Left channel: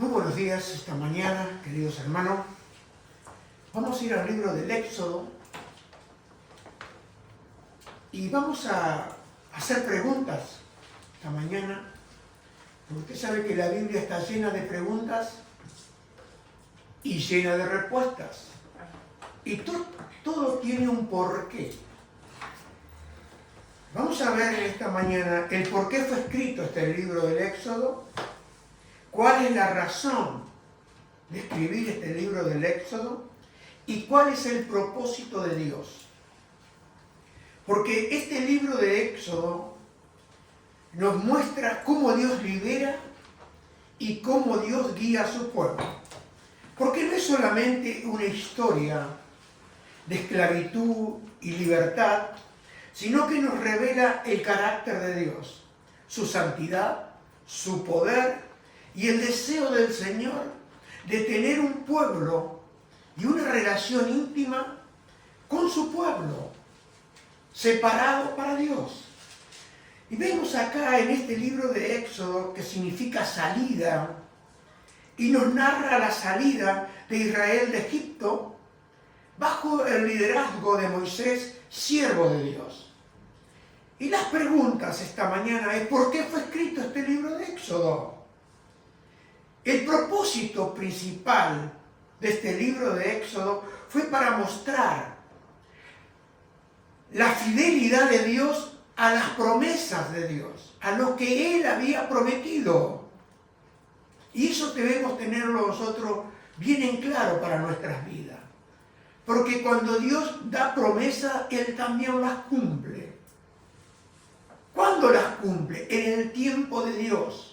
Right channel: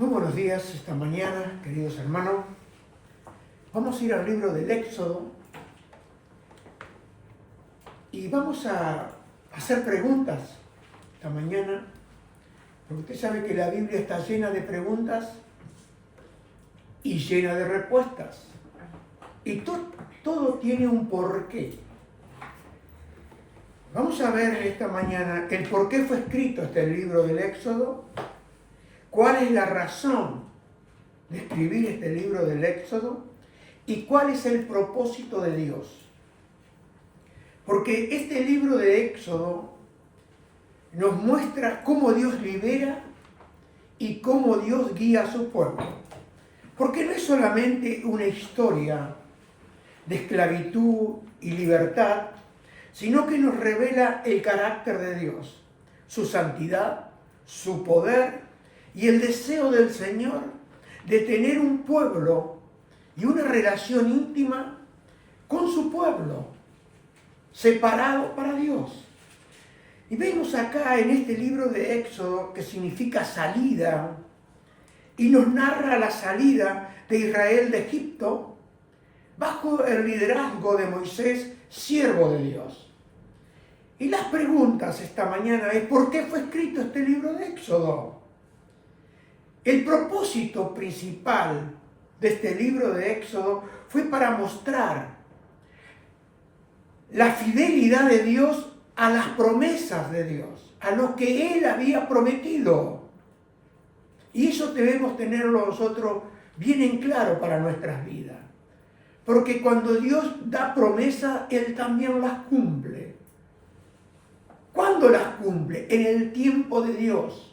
Muy buenos días esta mañana, queridos hermanos. Vamos a ir al libro del Éxodo y vamos a hacer preguntas esta mañana, porque usted sabe que la Biblia está llena de preguntas y llena de respuestas. Y todo tiene un porqué. Vamos a ver esta mañana el por qué fue escrito este libro del Éxodo. ¿Cuál es la razón de escribir este libro del Éxodo? ¿Y cuál es el propósito de Dios? Porque este libro de Éxodo nos muestra cómo Dios libera y cómo Dios guía a su pueblo. Porque no es solamente una historia de esclavitud y libertad, sino que nos revela el carácter de Dios, su santidad, su poder y el deseo del Señor de tener un pueblo y una relación íntima con su pueblo, separado para Dios. Y vemos acá en este libro de Éxodo, que significa salida, y nos narra la salida de Israel de Egipto bajo el liderazgo de Moisés, siervo de Dios. Y las preguntas esta mañana es: ¿por qué fue escrito este libro de Éxodo? El propósito principal de este libro de Éxodo fue para mostrar la fidelidad de Dios a las promesas de Dios, a lo que Él había prometido. Y eso debemos tenerlo nosotros bien en claro para nuestras vidas. Porque cuando Dios da promesas, Él también las cumple. ¿Cuándo las cumple? En el tiempo de Dios.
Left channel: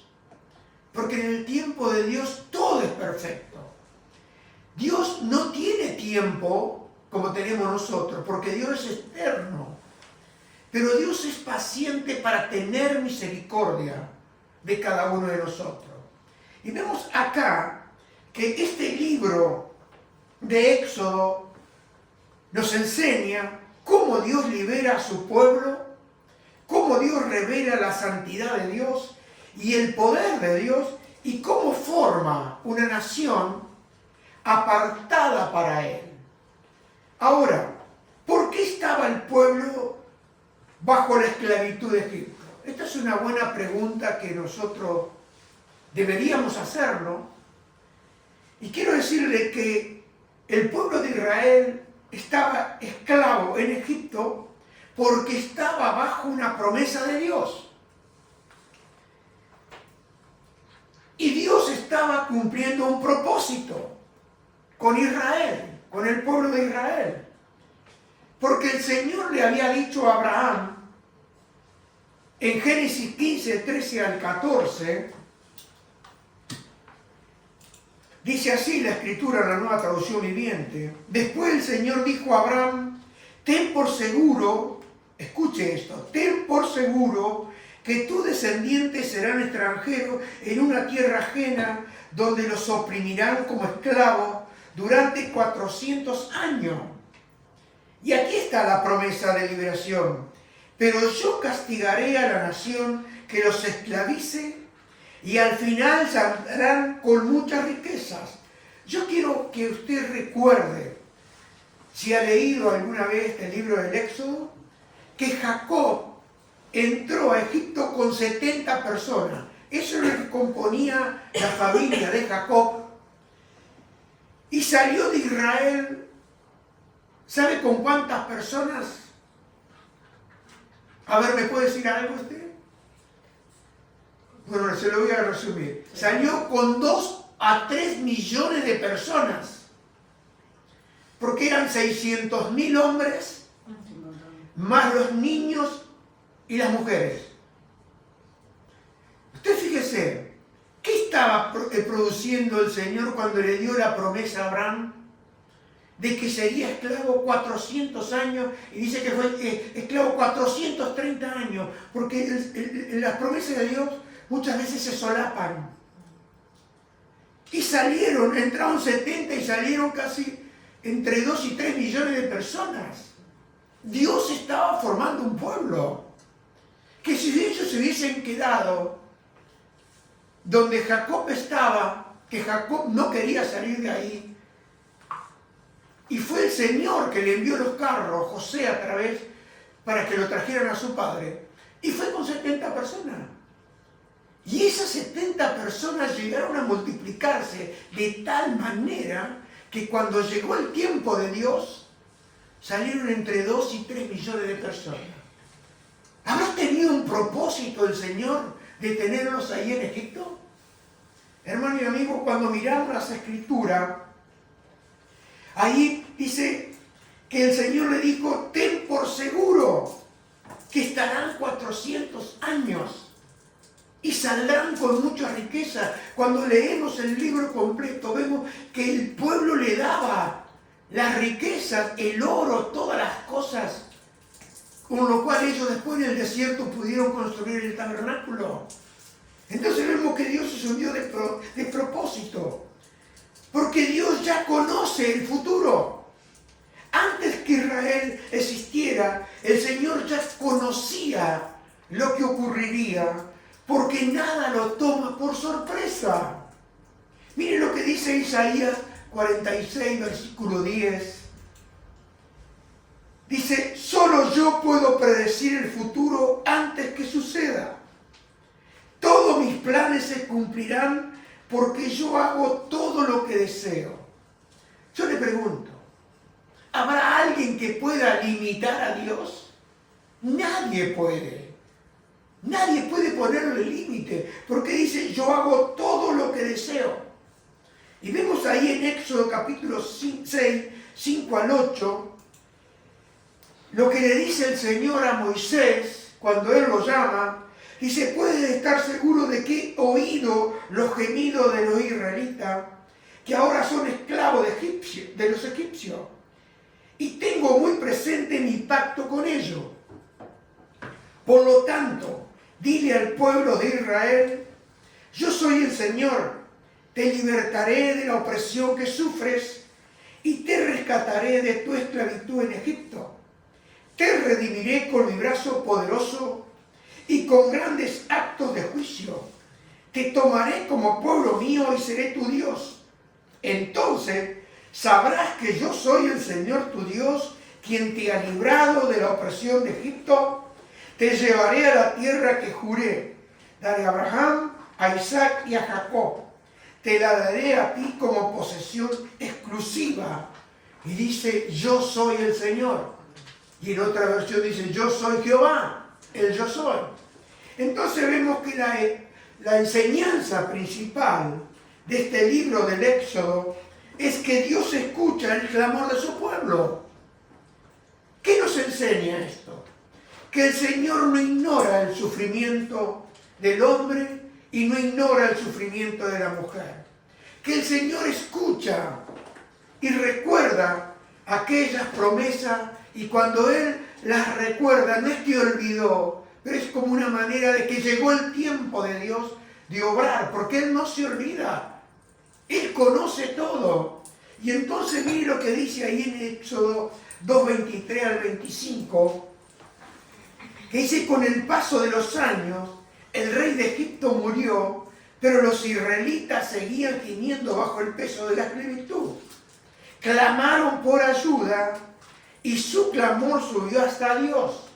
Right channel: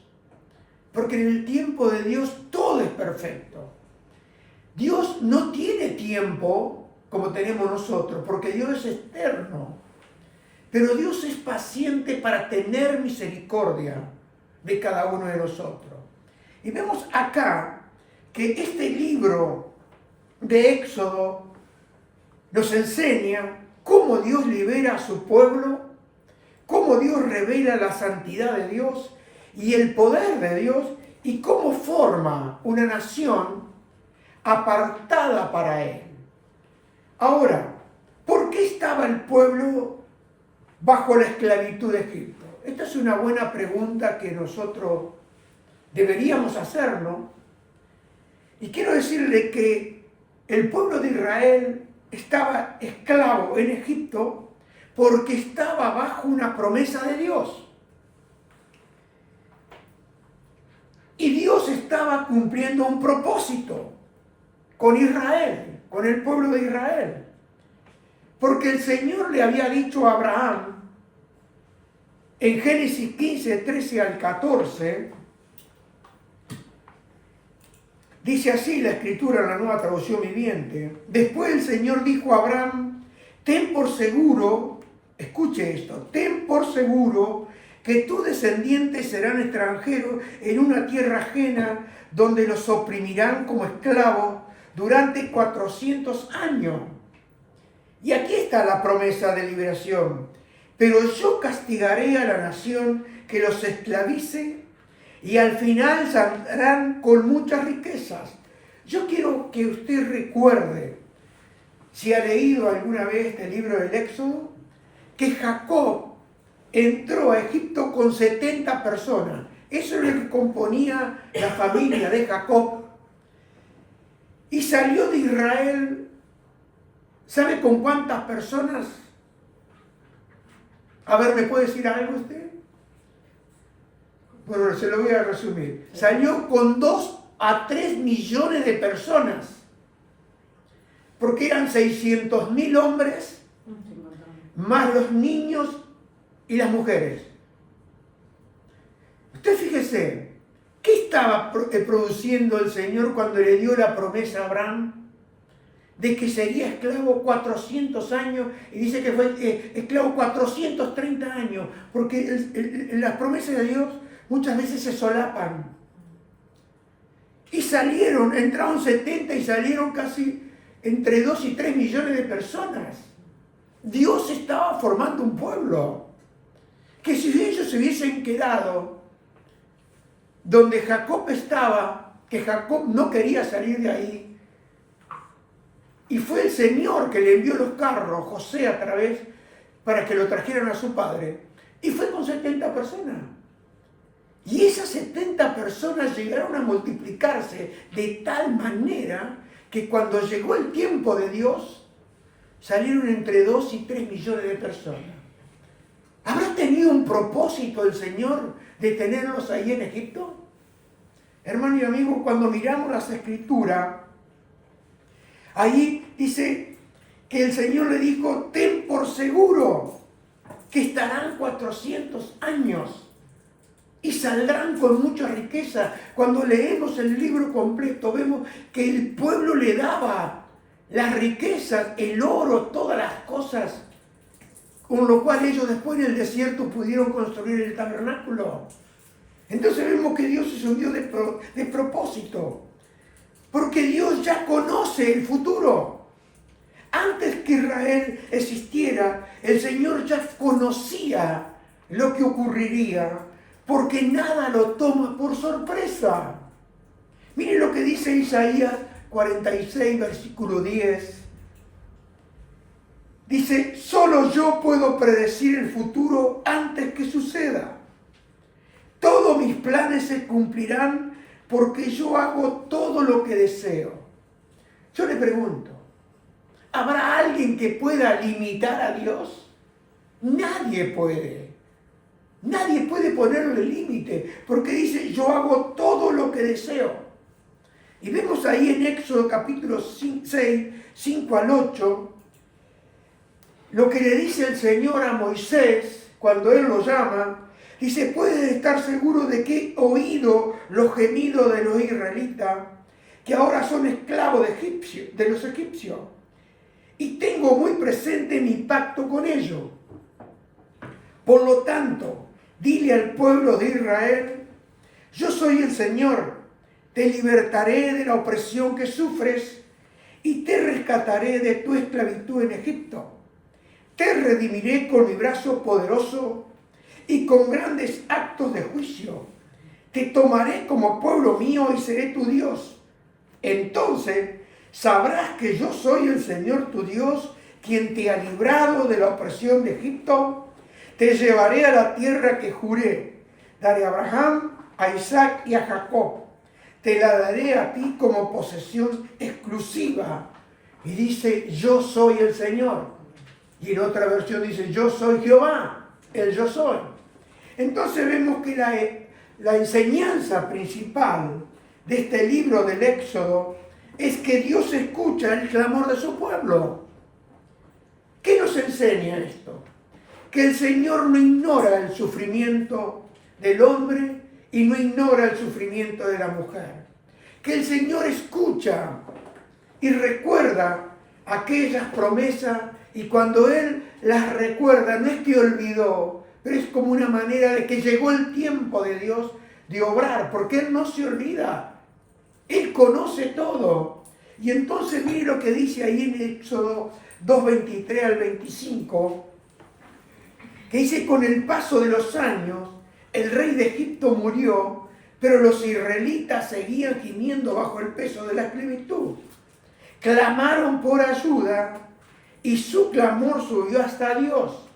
Porque en el tiempo de Dios todo es perfecto. Dios no tiene tiempo como tenemos nosotros, porque Dios es eterno. Pero Dios es paciente para tener misericordia de cada uno de nosotros. Y vemos acá que este libro de Éxodo nos enseña cómo Dios libera a su pueblo, cómo Dios revela la santidad de Dios y el poder de Dios, y cómo forma una nación apartada para Él. Ahora, ¿por qué estaba el pueblo bajo la esclavitud de Egipto? Esta es una buena pregunta que nosotros deberíamos hacernos. Y quiero decirle que el pueblo de Israel estaba esclavo en Egipto porque estaba bajo una promesa de Dios. Y Dios estaba cumpliendo un propósito con Israel, con el pueblo de Israel. Porque el Señor le había dicho a Abraham, en Génesis 15, 13 al 14, dice así la Escritura en la Nueva Traducción Viviente: después el Señor dijo a Abraham, ten por seguro, escuche esto, ten por seguro que tus descendientes serán extranjeros en una tierra ajena, donde los oprimirán como esclavos durante 400 años. Y aquí está la promesa de liberación: pero yo castigaré a la nación que los esclavice, y al final saldrán con muchas riquezas. Yo quiero que usted recuerde, si ha leído alguna vez este libro del Éxodo, que Jacob entró a Egipto con 70 personas. Eso es lo que componía la familia de Jacob. Y salió de Israel, ¿sabe con cuántas personas? A ver, ¿me puede decir algo usted? Bueno, se lo voy a resumir. Salió con 2 a 3 millones de personas. Porque eran 600.000 hombres, más los niños y las mujeres. Usted fíjese, ¿qué estaba produciendo el Señor cuando le dio la promesa a Abraham de que sería esclavo 400 años? Y dice que fue esclavo 430 años, porque las promesas de Dios muchas veces se solapan. Y entraron 70 y salieron casi entre 2 y 3 millones de personas. Dios estaba formando un pueblo que si ellos se hubiesen quedado donde Jacob estaba, que Jacob no quería salir de ahí. Y fue el Señor que le envió los carros, José a través, para que lo trajeran a su padre. Y fue con 70 personas. Y esas 70 personas llegaron a multiplicarse de tal manera que cuando llegó el tiempo de Dios, salieron entre 2 y 3 millones de personas. ¿Habrá tenido un propósito el Señor de tenerlos ahí en Egipto? Hermano y amigo, cuando miramos las Escrituras, ahí dice que el Señor le dijo, ten por seguro que estarán 400 años y saldrán con mucha riqueza. Cuando leemos el libro completo, vemos que el pueblo le daba las riquezas, el oro, todas las cosas, con lo cual ellos después en el desierto pudieron construir el tabernáculo. Entonces vemos que Dios es un Dios de propósito, porque Dios ya conoce el futuro. Antes que Israel existiera, el Señor ya conocía lo que ocurriría, porque nada lo toma por sorpresa. Miren lo que dice Isaías 46, versículo 10. Dice, solo yo puedo predecir el futuro antes que suceda. Todos mis planes se cumplirán porque yo hago todo lo que deseo. Yo le pregunto, ¿habrá alguien que pueda limitar a Dios? Nadie puede. Nadie puede ponerle límite, porque dice, yo hago todo lo que deseo. Y vemos ahí en Éxodo capítulo 6, 5 al 8, lo que le dice el Señor a Moisés cuando Él lo llama. Dice, puedes estar seguro de que he oído los gemidos de los israelitas, que ahora son esclavos de los egipcios, y tengo muy presente mi pacto con ellos. Por lo tanto, dile al pueblo de Israel, yo soy el Señor, te libertaré de la opresión que sufres y te rescataré de tu esclavitud en Egipto. Te redimiré con mi brazo poderoso y con grandes actos de juicio. Te tomaré como pueblo mío y seré tu Dios. Entonces sabrás que yo soy el Señor tu Dios, quien te ha librado de la opresión de Egipto. Te llevaré a la tierra que juré, daré a Abraham, a Isaac y a Jacob. Te la daré a ti como posesión exclusiva. Y dice, yo soy el Señor. Y en otra versión dice, yo soy Jehová, el yo soy. Entonces vemos que la enseñanza principal de este libro del Éxodo es que Dios escucha el clamor de su pueblo. ¿Qué nos enseña esto? Que el Señor no ignora el sufrimiento del hombre y no ignora el sufrimiento de la mujer. Que el Señor escucha y recuerda aquellas promesas, y cuando Él las recuerda, no es que olvidó, pero es como una manera de que llegó el tiempo de Dios de obrar, porque Él no se olvida. Él conoce todo. Y entonces mire lo que dice ahí en Éxodo 2:23 al 25, que dice, con el paso de los años, el rey de Egipto murió, pero los israelitas seguían gimiendo bajo el peso de la esclavitud. Clamaron por ayuda y su clamor subió hasta Dios,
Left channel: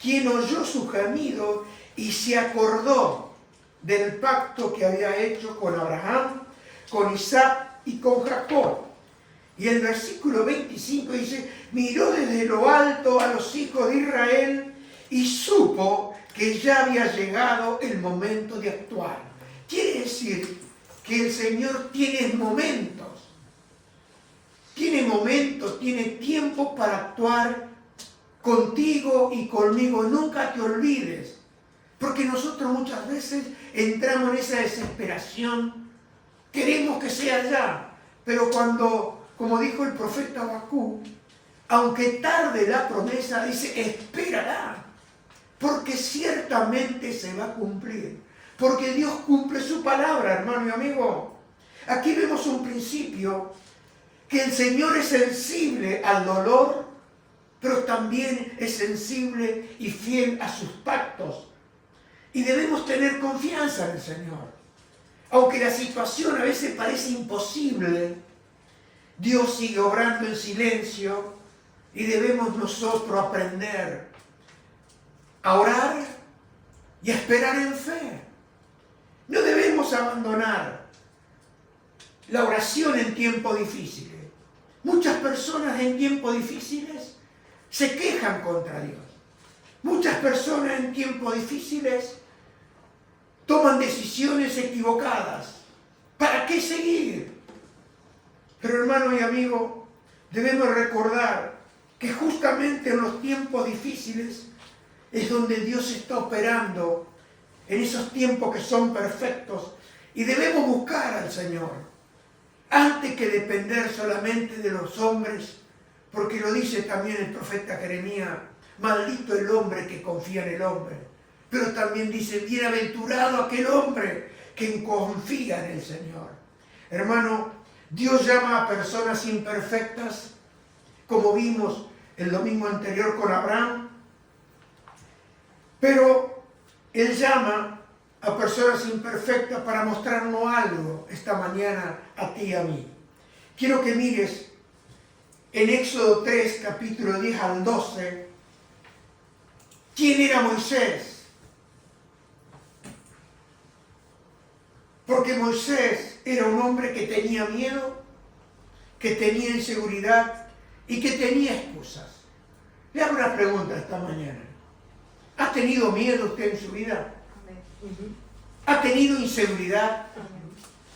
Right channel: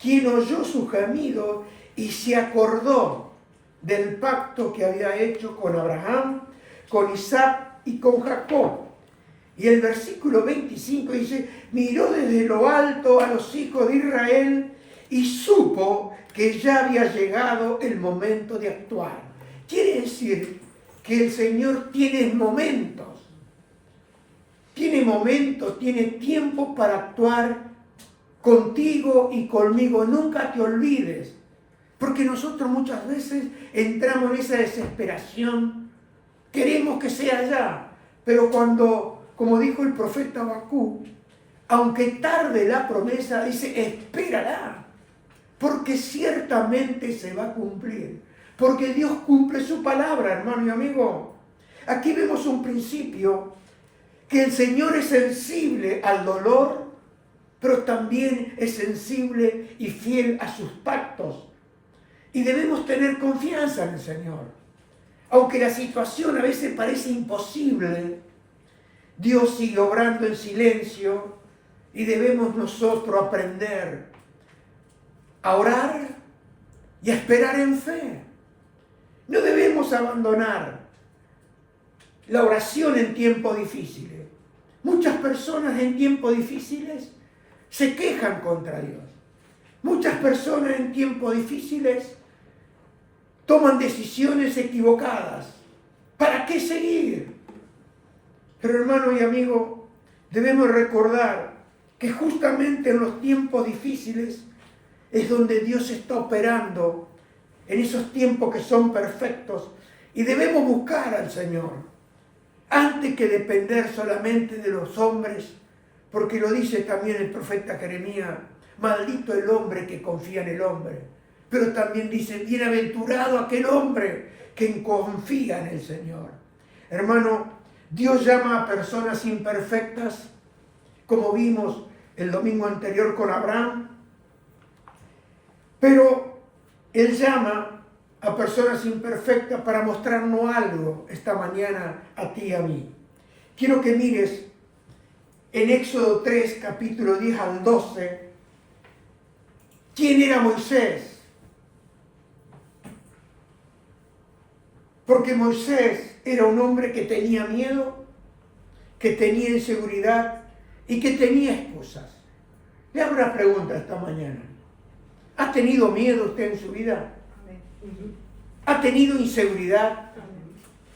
quien oyó su gemido y se acordó del pacto que había hecho con Abraham, con Isaac y con Jacob. Y el versículo 25 dice, miró desde lo alto a los hijos de Israel y supo que ya había llegado el momento de actuar. Quiere decir que el Señor tiene momentos, tiene tiempo para actuar contigo y conmigo. Nunca te olvides, porque nosotros muchas veces entramos en esa desesperación, queremos que sea ya, pero cuando, como dijo el profeta Habacuc, aunque tarde la promesa, dice, espérala, porque ciertamente se va a cumplir, porque Dios cumple su palabra, hermano y amigo. Aquí vemos un principio, que el Señor es sensible al dolor, pero también es sensible y fiel a sus pactos. Y debemos tener confianza en el Señor. Aunque la situación a veces parece imposible, Dios sigue obrando en silencio y debemos nosotros aprender a orar y a esperar en fe. No debemos abandonar la oración en tiempos difíciles. Muchas personas en tiempos difíciles se quejan contra Dios. Muchas personas en tiempos difíciles toman decisiones equivocadas. ¿Para qué seguir? Pero hermano y amigo, debemos recordar que justamente en los tiempos difíciles es donde Dios está operando, en esos tiempos que son perfectos, y debemos buscar al Señor antes que depender solamente de los hombres, porque lo dice también el profeta Jeremías: maldito el hombre que confía en el hombre. Pero también dice: bienaventurado aquel hombre que confía en el Señor. Hermano, Dios llama a personas imperfectas, como vimos el domingo anterior con Abraham, pero Él llama a personas imperfectas para mostrarnos algo esta mañana a ti y a mí. Quiero que mires en Éxodo 3, capítulo 10 al 12, ¿quién era Moisés? Porque Moisés era un hombre que tenía miedo, que tenía inseguridad y que tenía excusas. Le hago una pregunta esta mañana. ¿Ha tenido miedo usted en su vida? ¿Ha tenido inseguridad?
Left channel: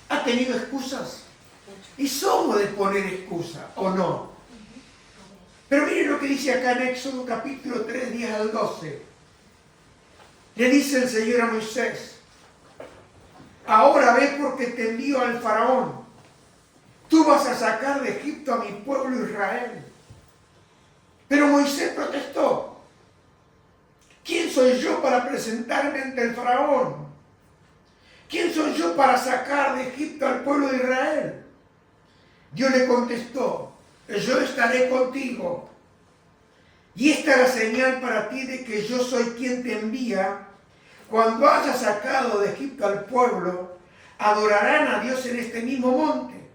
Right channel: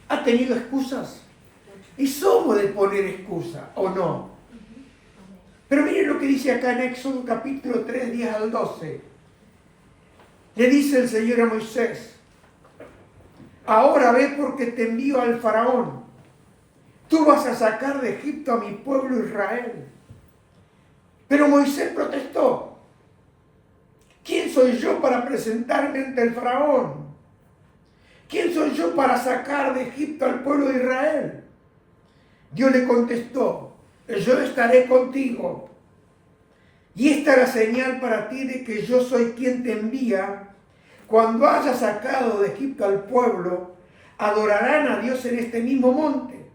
¿Ha tenido excusas? Y somos de poner excusa, ¿o no? Pero miren lo que dice acá en Éxodo capítulo 3, 10 al 12. Le dice el Señor a Moisés: ahora ve porque te envío al faraón. Tú vas a sacar de Egipto a mi pueblo Israel. Pero Moisés protestó: ¿quién soy yo para presentarme ante el faraón? ¿Quién soy yo para sacar de Egipto al pueblo de Israel? Dios le contestó: yo estaré contigo. Y esta es la señal para ti de que yo soy quien te envía. Cuando hayas sacado de Egipto al pueblo, adorarán a Dios en este mismo monte.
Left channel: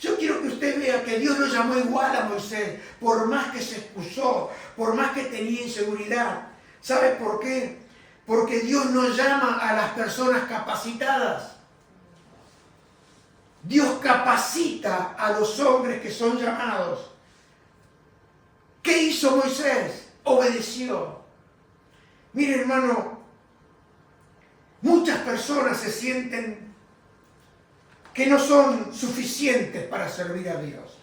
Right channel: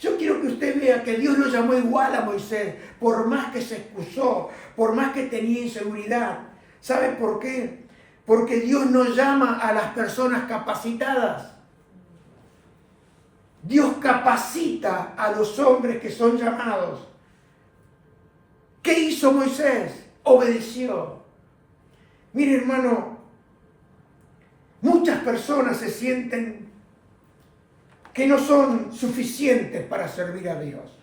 Yo quiero que usted vea que Dios lo llamó igual a Moisés, por más que se excusó, por más que tenía inseguridad. ¿Sabe por qué? Porque Dios no llama a las personas capacitadas. Dios capacita a los hombres que son llamados. ¿Qué hizo Moisés? Obedeció. Mire, hermano, muchas personas se sienten que no son suficientes para servir a Dios.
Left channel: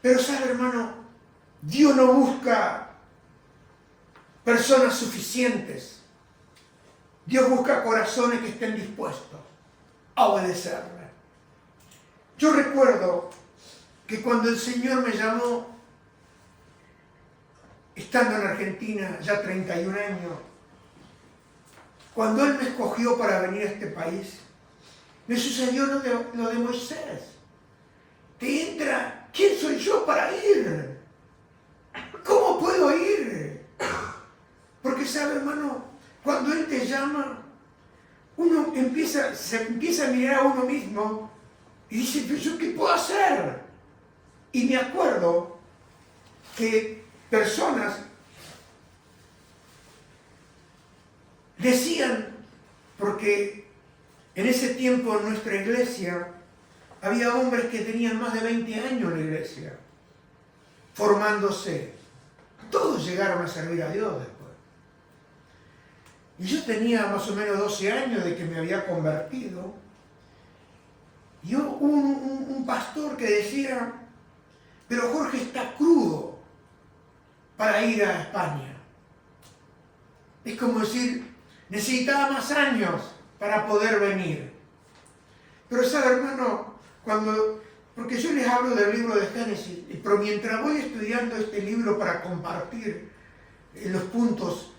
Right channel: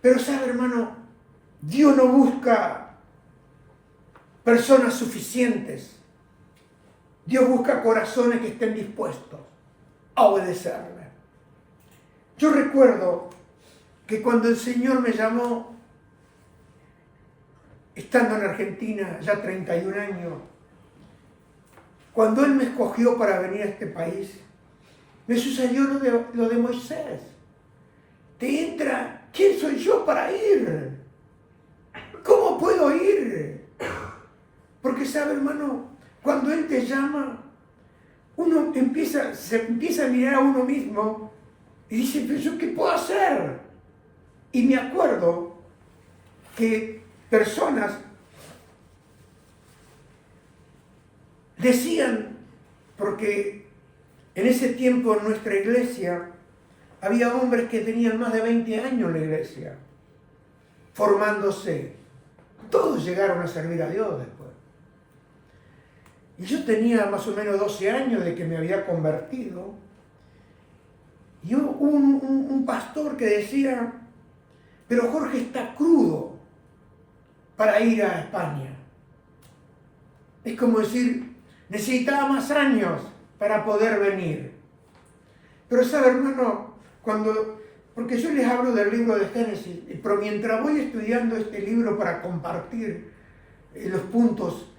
Pero sabe, hermano, Dios no busca personas suficientes. Dios busca corazones que estén dispuestos a obedecerle. Yo recuerdo que cuando el Señor me llamó, estando en Argentina ya 31 años, cuando Él me escogió para venir a este país, me sucedió lo de Moisés. Te entra: ¿quién soy yo para ir? ¿Cómo puedo ir? Porque sabe, hermano, cuando Él te llama, uno se empieza a mirar a uno mismo y dice: ¿pero yo qué puedo hacer? Y me acuerdo que personas decían, porque en ese tiempo en nuestra iglesia había hombres que tenían más de 20 años en la iglesia, formándose. Todos llegaron a servir a Dios después. Y yo tenía más o menos 12 años de que me había convertido. Y hubo un pastor que decía: pero Jorge está crudo para ir a España. Es como decir, necesitaba más años para poder venir. Pero sabe, hermano, porque yo les hablo del libro de Génesis, pero mientras voy estudiando este libro para compartir los puntos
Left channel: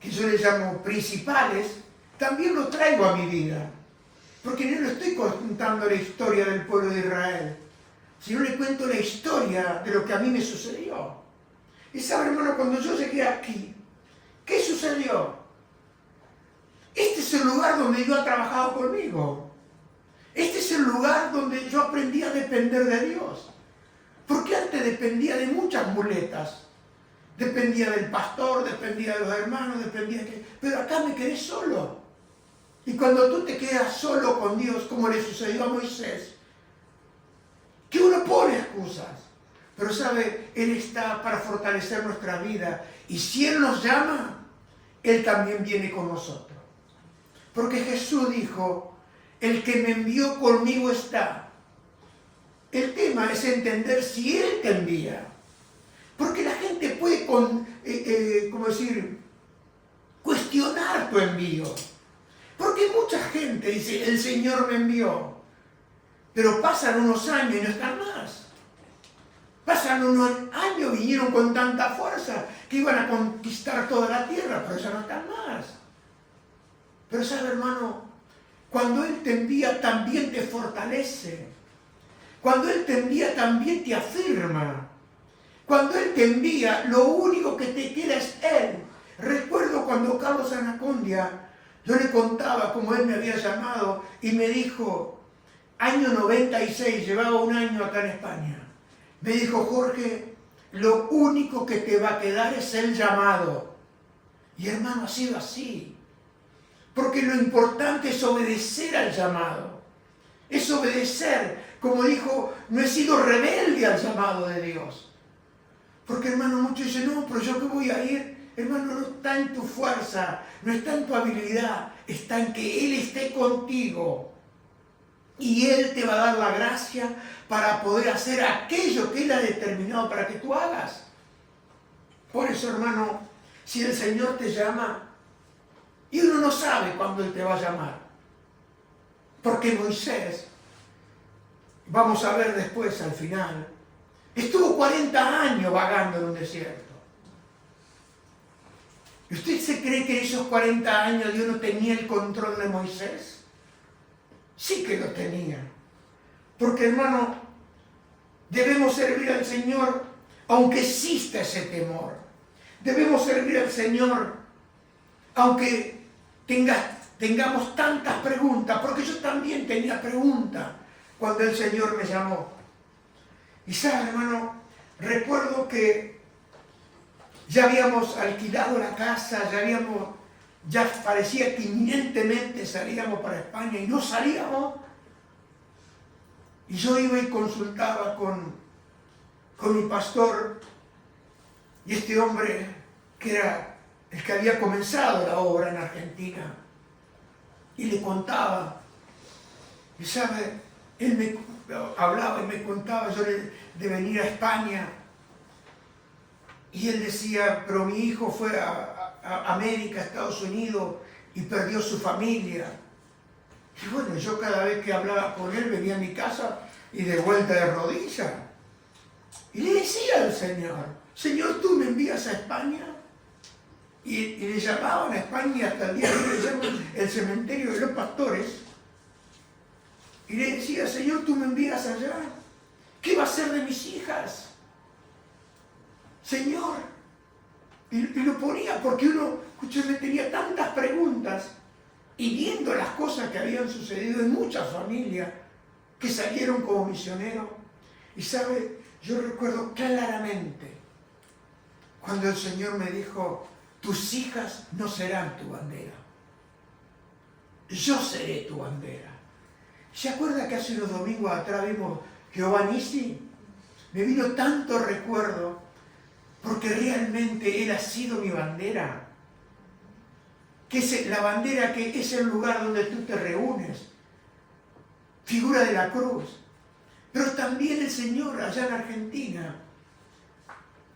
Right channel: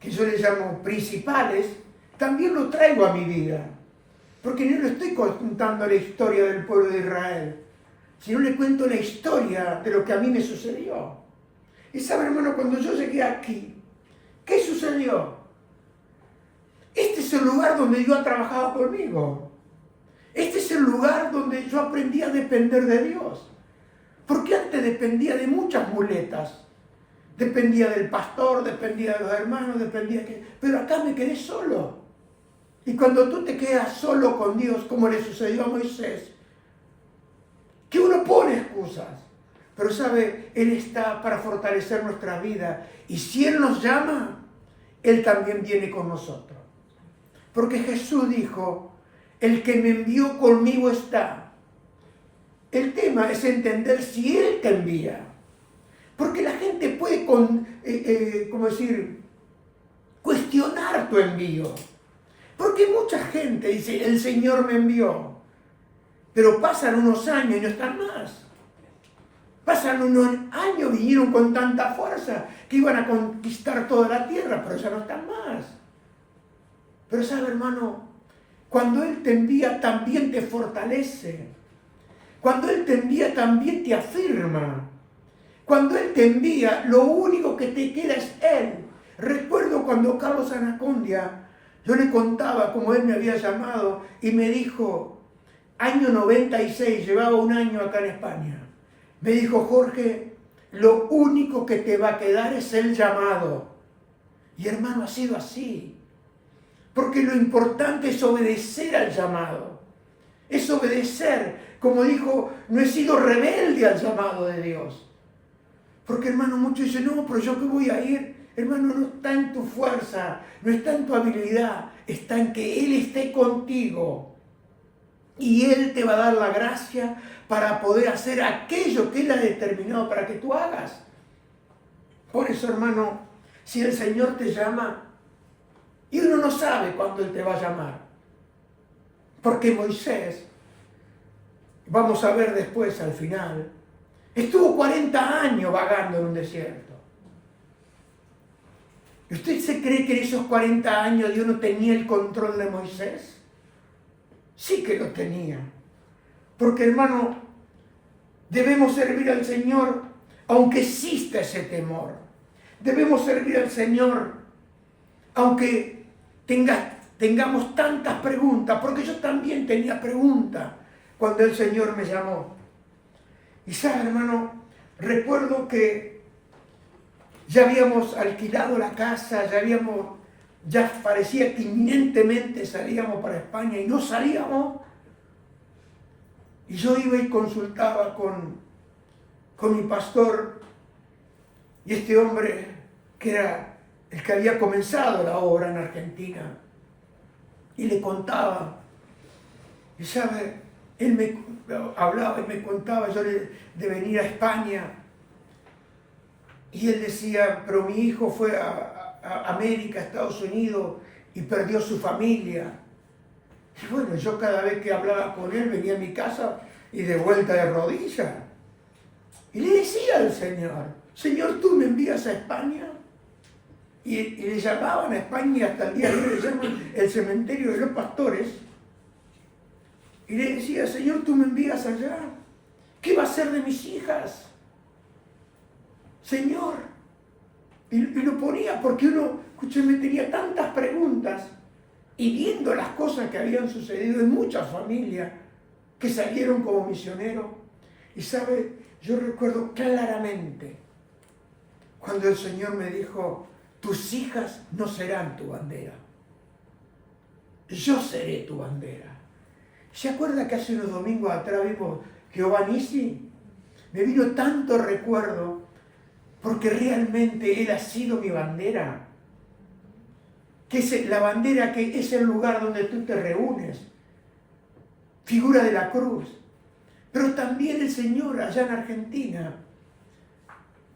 que yo les llamo principales, también lo traigo a mi vida. Porque no estoy contando la historia del pueblo de Israel, sino le cuento la historia de lo que a mí me sucedió. Y sabe, hermano, cuando yo llegué aquí, ¿qué sucedió? Este es el lugar donde Dios ha trabajado conmigo. Este es el lugar donde yo aprendí a depender de Dios. Porque antes dependía de muchas muletas. Dependía del pastor, dependía de los hermanos, pero acá me quedé solo. Y cuando tú te quedas solo con Dios, como le sucedió a Moisés, que uno pone excusas, pero sabe, Él está para fortalecer nuestra vida. Y si Él nos llama, Él también viene con nosotros. Porque Jesús dijo, el que me envió conmigo está. El tema es entender si Él te envía. Porque la gente puede, cuestionar tu envío. Porque mucha gente dice, el Señor me envió. Pero pasan unos años y no están más. Pasan unos años, vinieron con tanta fuerza que iban a conquistar toda la tierra, pero ya no están más. Pero sabe, hermano, cuando Él te envía también te fortalece. Cuando Él te envía también te afirma. Cuando Él te envía, lo único que te queda es Él. Recuerdo cuando Carlos Anacondia, yo le contaba cómo Él me había llamado y me dijo, año 96, llevaba un año acá en España. Me dijo, Jorge, lo único que te va a quedar es el llamado. Y hermano, ha sido así. Porque lo importante es obedecer al llamado. Es obedecer. Como dijo, no he sido rebelde al llamado de Dios. Porque hermano, muchos dicen, no, pero yo qué voy a ir. Hermano, no está en tu fuerza, no está en tu habilidad, está en que Él esté contigo. Y Él te va a dar la gracia para poder hacer aquello que Él ha determinado para que tú hagas. Por eso, hermano, si el Señor te llama, y uno no sabe cuándo Él te va a llamar. Porque Moisés, vamos a ver después al final, estuvo 40 años vagando en un desierto. ¿Usted se cree que en esos 40 años Dios no tenía el control de Moisés? Sí que lo tenía. Porque, hermano, debemos servir al Señor aunque exista ese temor. Debemos servir al Señor aunque tengamos tantas preguntas, porque yo también tenía preguntas cuando el Señor me llamó. Y sabe, hermano, recuerdo que ya habíamos alquilado la casa, ya parecía que inminentemente salíamos para España y no salíamos. Y yo iba y consultaba con mi pastor, y este hombre, que era el que había comenzado la obra en Argentina, y le contaba, y sabe, él me hablaba y me contaba yo de venir a España, y él decía, pero mi hijo fue a América, a Estados Unidos, y perdió su familia. Y bueno, yo cada vez que hablaba con él venía a mi casa y de vuelta de rodillas. Y le decía al Señor, Señor, ¿tú me envías a España? Y le llamaban a España, y hasta el día de hoy le llaman el cementerio de los pastores. Y le decía, Señor, ¿tú me envías allá? ¿Qué va a ser de mis hijas? Señor. Y lo ponía porque uno, escúcheme, tenía tantas preguntas. Y viendo las cosas que habían sucedido en muchas familias que salieron como misioneros. Y sabe, yo recuerdo claramente cuando el Señor me dijo, tus hijas no serán tu bandera. Yo seré tu bandera. ¿Se acuerda que hace unos domingos atrás vimos Jehová Nissi? Me vino tanto recuerdo porque realmente Él ha sido mi bandera. Que es la bandera, que es el lugar donde tú te reúnes. Figura de la cruz. Pero también el Señor allá en Argentina,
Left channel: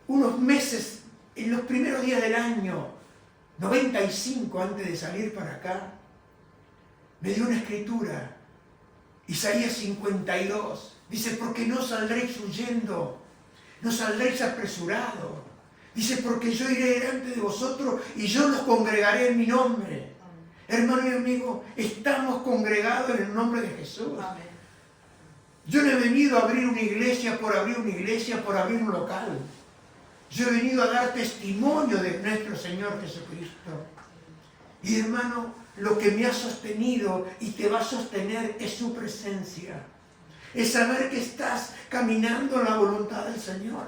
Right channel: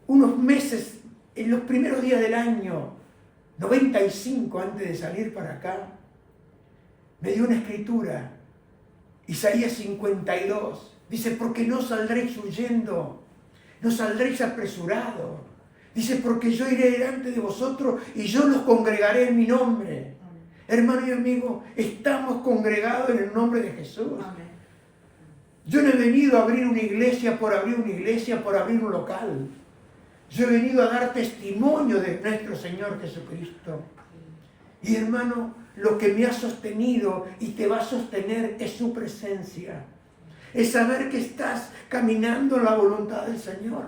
unos meses, en los primeros días del año 95, antes de salir para acá, me dio una escritura, Isaías 52, dice, porque no saldréis huyendo, no saldréis apresurados. Dice, porque yo iré delante de vosotros y yo los congregaré en mi nombre. Hermano y amigo, estamos congregados en el nombre de Jesús. Yo no he venido a abrir una iglesia, por abrir un local. Yo he venido a dar testimonio de nuestro Señor Jesucristo. Y hermano, lo que me ha sostenido y te va a sostener es su presencia. Es saber que estás caminando en la voluntad del Señor.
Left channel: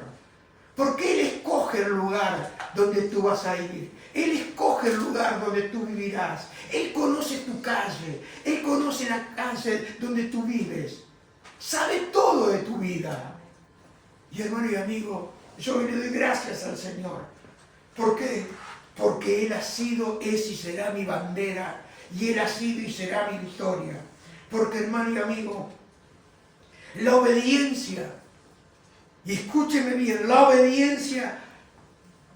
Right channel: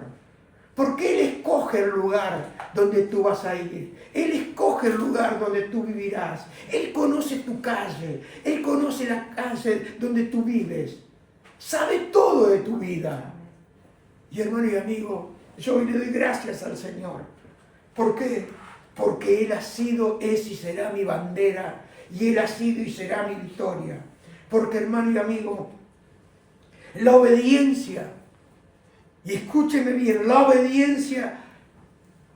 Porque Él escoge el lugar donde tú vas a ir. Él escoge el lugar donde tú vivirás. Él conoce tu calle. Él conoce la calle donde tú vives. Sabe todo de tu vida. Y hermano y amigo, yo hoy le doy gracias al Señor. ¿Por qué? Porque Él ha sido, es y será mi bandera. Y Él ha sido y será mi victoria. Porque hermano y amigo, la obediencia, y escúcheme bien, la obediencia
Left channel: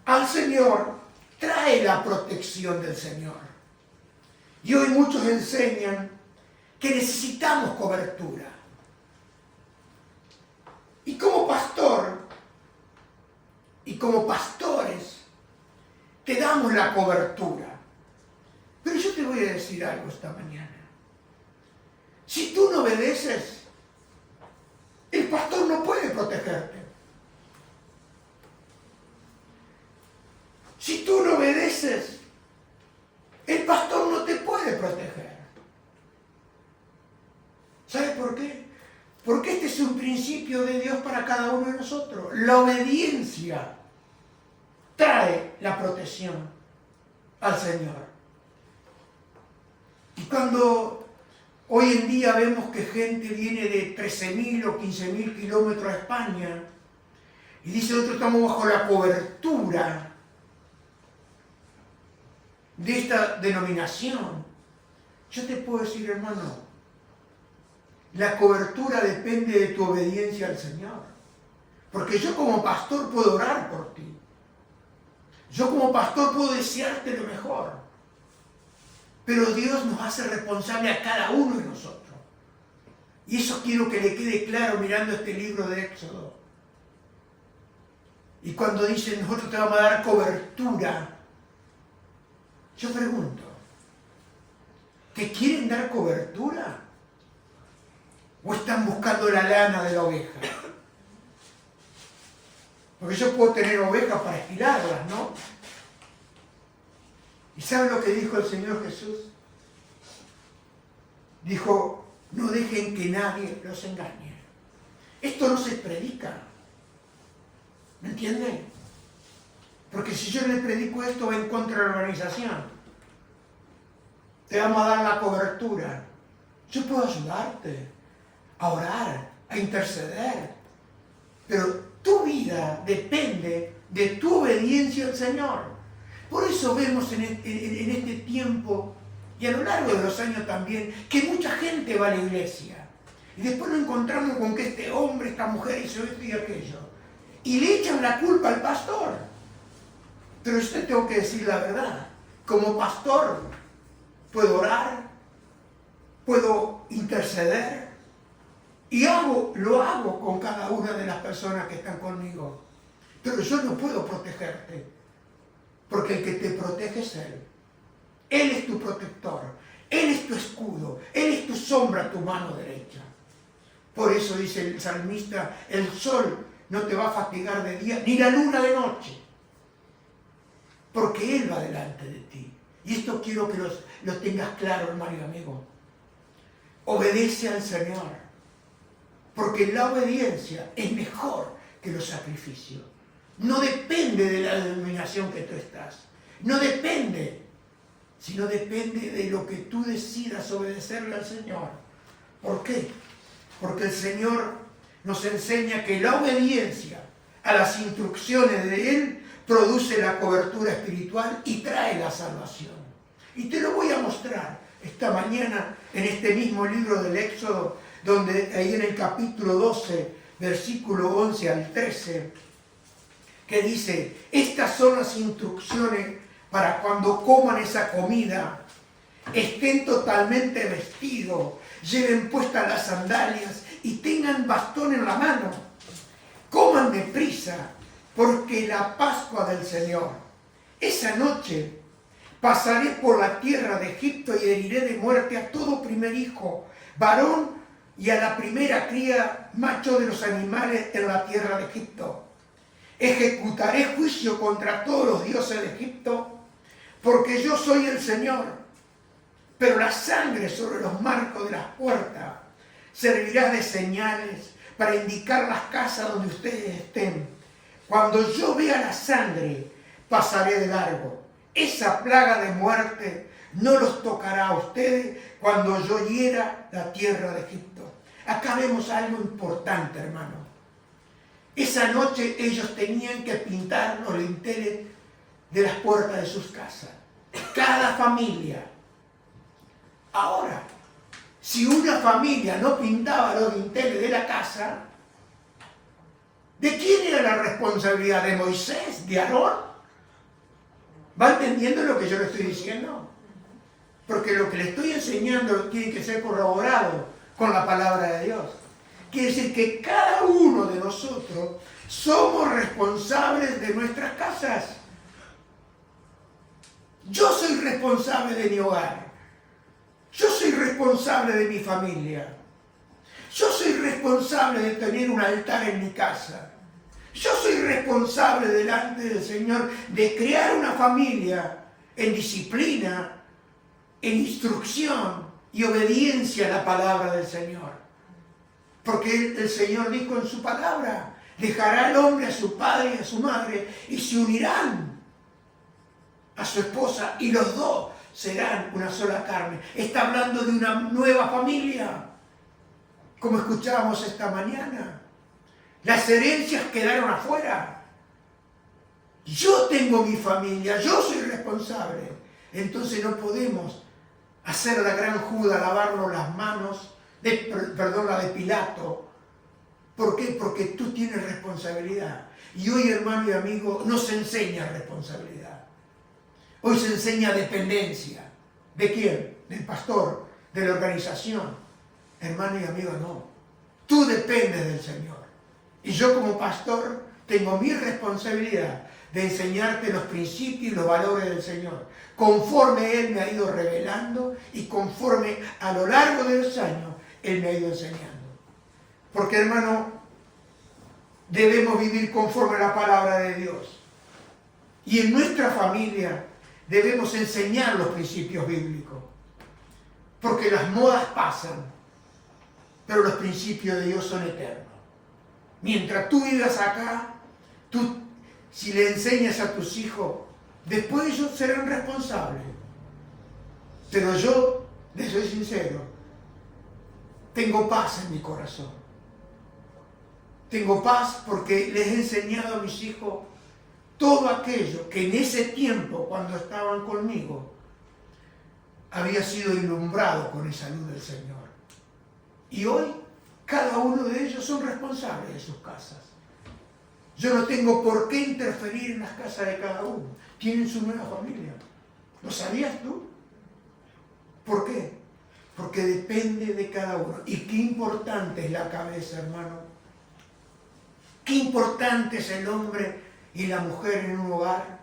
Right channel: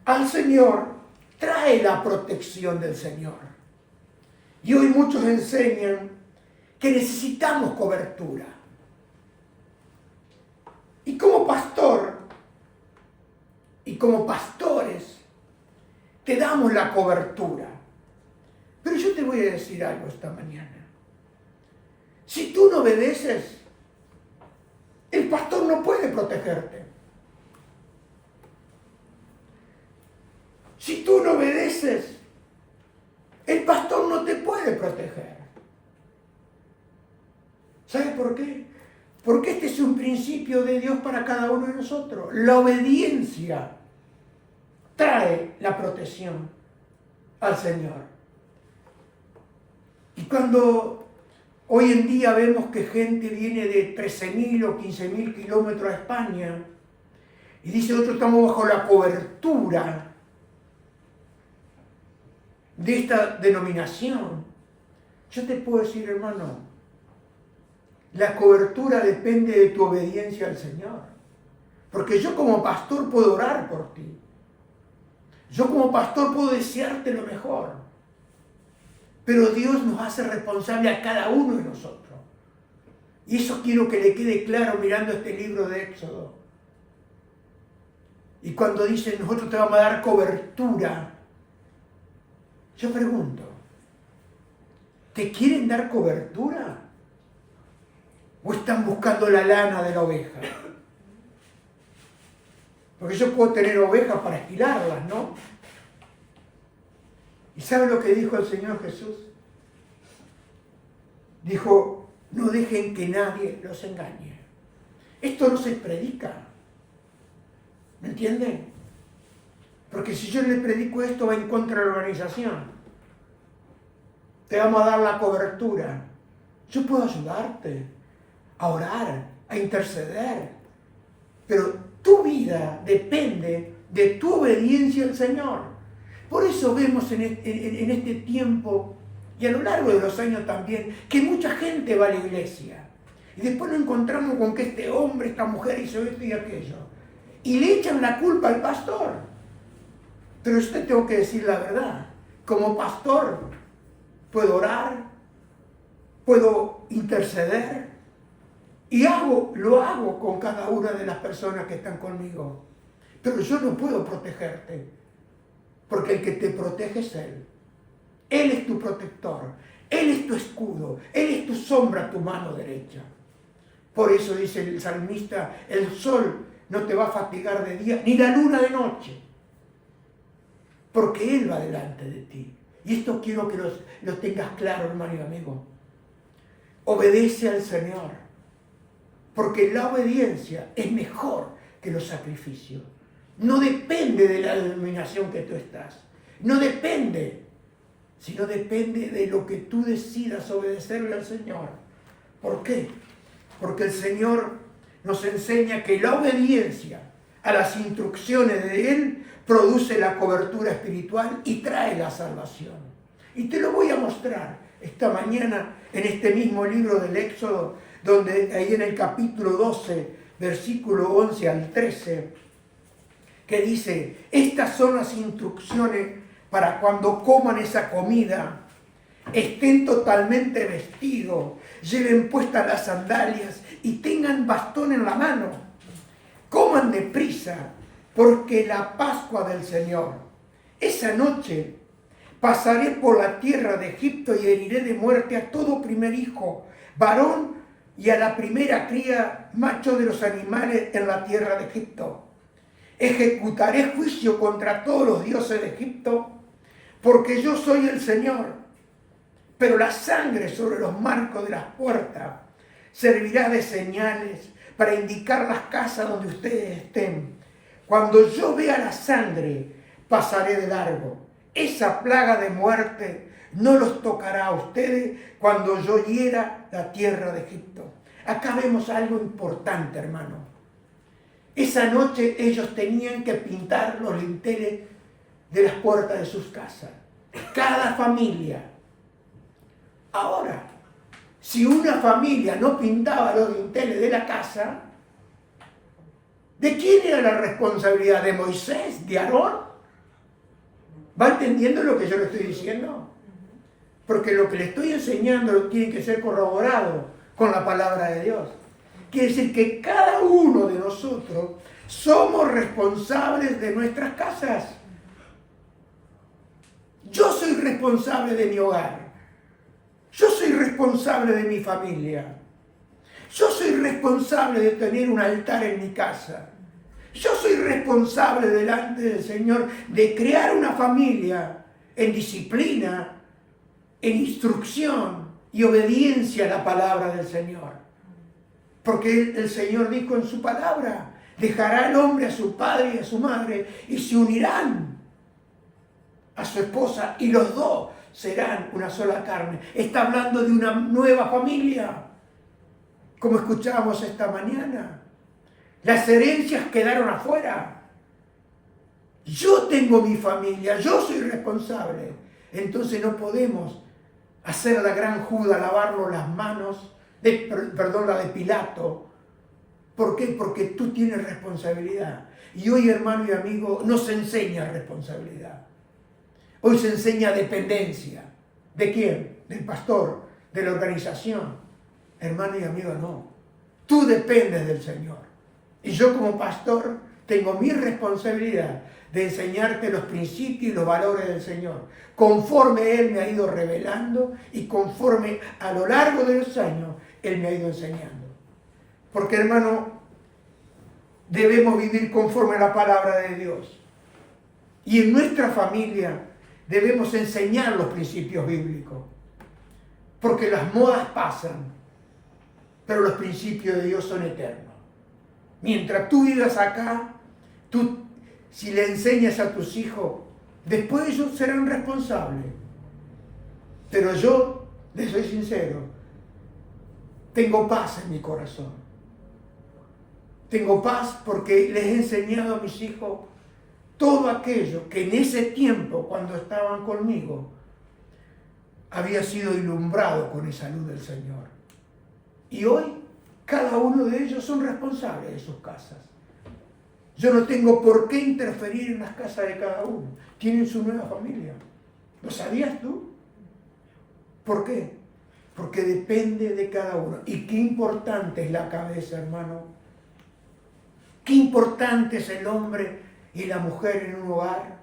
al Señor trae la protección del Señor. Y hoy muchos enseñan que necesitamos cobertura. Y como pastor, y como pastores, te damos la cobertura. Pero yo te voy a decir algo esta mañana. Si tú no obedeces, el pastor no puede protegerte. Si tú no obedeces, el pastor no te puede proteger. ¿Sabes por qué? Porque este es un principio de Dios para cada uno de nosotros. La obediencia trae la protección al Señor. Y cuando hoy en día vemos que gente viene de 13.000 o 15.000 kilómetros a España y dice, nosotros estamos bajo la cobertura de esta denominación, yo te puedo decir, hermano, la cobertura depende de tu obediencia al Señor. Porque yo como pastor puedo orar por ti. Yo como pastor puedo desearte lo mejor. Pero Dios nos hace responsable a cada uno de nosotros. Y eso quiero que le quede claro mirando este libro de Éxodo. Y cuando dice, nosotros te vamos a dar cobertura, yo pregunto, ¿te quieren dar cobertura? ¿O están buscando la lana de la oveja? Porque yo puedo tener ovejas para esquilarlas, ¿no? ¿Y sabe lo que dijo el Señor Jesús? Dijo, no dejen que nadie los engañe. Esto no se predica. ¿Me entienden? Porque si yo le predico esto, va en contra de la organización. Te vamos a dar la cobertura. Yo puedo ayudarte a orar, a interceder. Pero tu vida depende de tu obediencia al Señor. Por eso vemos en este tiempo y a lo largo de los años también que mucha gente va a la iglesia. Y después nos encontramos con que este hombre, esta mujer hizo esto y aquello. Y le echan la culpa al pastor. Pero yo te tengo que decir la verdad. Como pastor puedo orar, puedo interceder y lo hago con cada una de las personas que están conmigo. Pero yo no puedo protegerte, porque el que te protege es Él. Él es tu protector, Él es tu escudo, Él es tu sombra, tu mano derecha. Por eso dice el salmista, el sol no te va a fatigar de día, ni la luna de noche, porque Él va delante de ti. Y esto quiero que lo tengas claro, hermano y amigo. Obedece al Señor, porque la obediencia es mejor que los sacrificios. No depende de la denominación que tú estás. No depende, sino depende de lo que tú decidas obedecerle al Señor. ¿Por qué? Porque el Señor nos enseña que la obediencia a las instrucciones de Él produce la cobertura espiritual y trae la salvación. Y te lo voy a mostrar esta mañana en este mismo libro del Éxodo, donde ahí en el capítulo 12, versículo 11 al 13, que dice, estas son las instrucciones para cuando coman esa comida, estén totalmente vestidos, lleven puestas las sandalias y tengan bastón en la mano. Coman deprisa, porque la Pascua del Señor. Esa noche pasaré por la tierra de Egipto y heriré de muerte a todo primer hijo, varón, y a la primera cría macho de los animales en la tierra de Egipto. Ejecutaré juicio contra todos los dioses de Egipto, porque yo soy el Señor. Pero la sangre sobre los marcos de las puertas servirá de señales para indicar las casas donde ustedes estén. Cuando yo vea la sangre, pasaré de largo. Esa plaga de muerte no los tocará a ustedes cuando yo hiera la tierra de Egipto. Acá vemos algo importante, hermano. Esa noche ellos tenían que pintar los linteles de las puertas de sus casas. Cada familia. Ahora, si una familia no pintaba los linteles de la casa, ¿de quién era la responsabilidad? ¿De Moisés? ¿De Aarón? ¿Va entendiendo lo que yo le estoy diciendo? Porque lo que le estoy enseñando tiene que ser corroborado con la palabra de Dios. Quiere decir que cada uno de nosotros somos responsables de nuestras casas. Yo soy responsable de mi hogar. Yo soy responsable de mi familia. Yo soy responsable de tener un altar en mi casa. Yo soy responsable delante del Señor de crear una familia en disciplina, en instrucción y obediencia a la palabra del Señor. Porque el Señor dijo en su palabra, dejará el hombre a su padre y a su madre y se unirán a su esposa y los dos serán una sola carne. Está hablando de una nueva familia, como escuchábamos esta mañana. Las herencias quedaron afuera. Yo tengo mi familia, yo soy responsable. Entonces no podemos hacer la gran Judas, lavarnos las manos, la de Pilato. ¿Por qué? Porque tú tienes responsabilidad. Y hoy, hermano y amigo, no se enseña responsabilidad. Hoy se enseña dependencia. ¿De quién? Del pastor, de la organización. Hermano y amigo, no. Tú dependes del Señor. Y yo como pastor tengo mi responsabilidad de enseñarte los principios y los valores del Señor, conforme Él me ha ido revelando y conforme a lo largo de los años Él me ha ido enseñando. Porque, hermano, debemos vivir conforme a la palabra de Dios. Y en nuestra familia debemos enseñar los principios bíblicos. Porque las modas pasan, pero los principios de Dios son eternos. Mientras tú vivas acá, si le enseñas a tus hijos, después ellos serán responsables. Pero yo, les soy sincero, tengo paz en mi corazón. Tengo paz porque les he enseñado a mis hijos todo aquello que en ese tiempo, cuando estaban conmigo, había sido ilumbrado con esa luz del Señor. Y hoy, cada uno de ellos son responsables de sus casas. Yo no tengo por qué interferir en las casas de cada uno. Tienen su nueva familia. ¿Lo sabías tú? ¿Por qué? Porque depende de cada uno. Y qué importante es la cabeza, hermano. Qué importante es el hombre y la mujer en un hogar.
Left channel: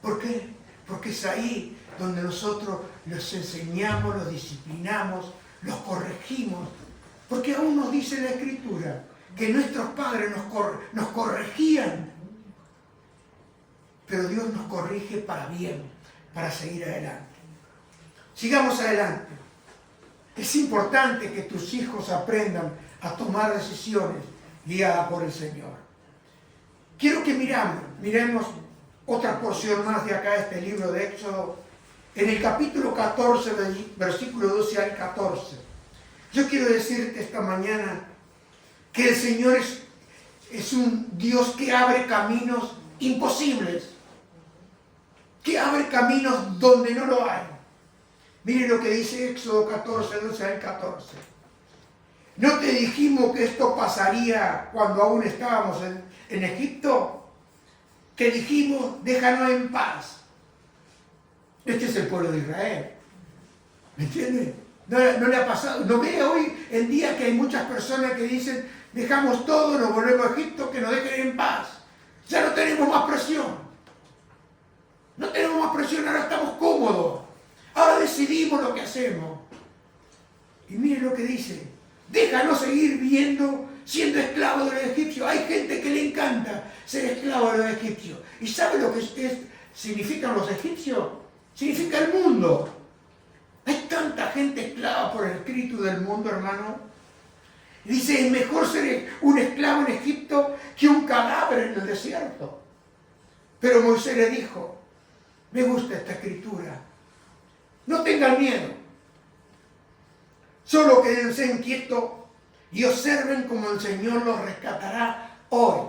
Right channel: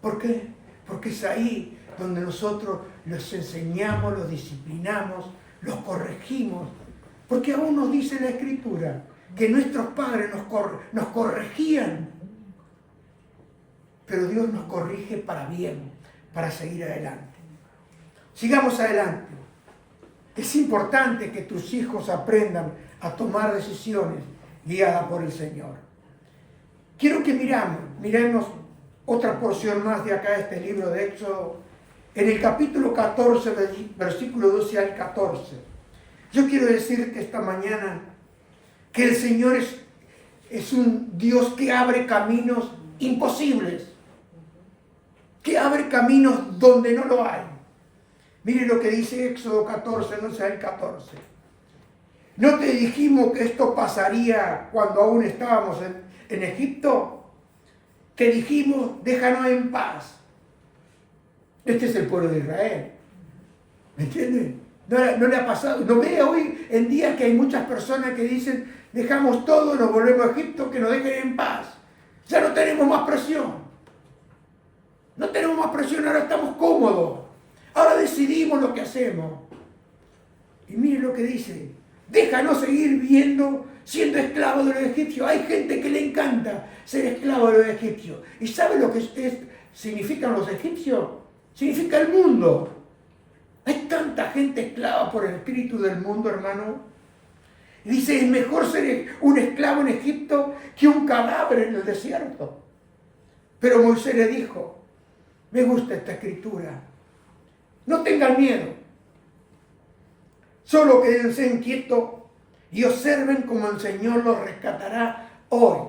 ¿Por qué? Porque es ahí donde nosotros los enseñamos, los disciplinamos, los corregimos. Porque aún nos dice la Escritura que nuestros padres nos corregían. Pero Dios nos corrige para bien, para seguir adelante. Sigamos adelante. Es importante que tus hijos aprendan a tomar decisiones guiadas por el Señor. Quiero que miremos otra porción más de acá, este libro de Éxodo, en el capítulo 14, versículo 12 al 14. Yo quiero decirte esta mañana que el Señor es un Dios que abre caminos imposibles, que abre caminos donde no lo hay. Mire lo que dice Éxodo 14, 12 al 14. ¿No te dijimos que esto pasaría cuando aún estábamos en Egipto? Te dijimos, déjanos en paz. Este es el pueblo de Israel. ¿Me entiendes? No le ha pasado. ¿No ve hoy en día que hay muchas personas que dicen, dejamos todo, nos volvemos a Egipto, que nos dejen en paz? Ya no tenemos más presión. No tenemos más presión, ahora estamos cómodos. Ahora decidimos lo que hacemos. Y mire lo que dice. Déjanos seguir siendo esclavos de los egipcios. Hay gente que le encanta ser esclavo de los egipcios. ¿Y sabe lo que significan los egipcios? Significa el mundo. Hay tanta gente esclava por el espíritu del mundo, hermano. Dice, es mejor ser un esclavo en Egipto que un cadáver en el desierto. Pero Moisés le dijo, me gusta esta escritura, no tengan miedo, solo quédense quietos y observen cómo el Señor los rescatará hoy.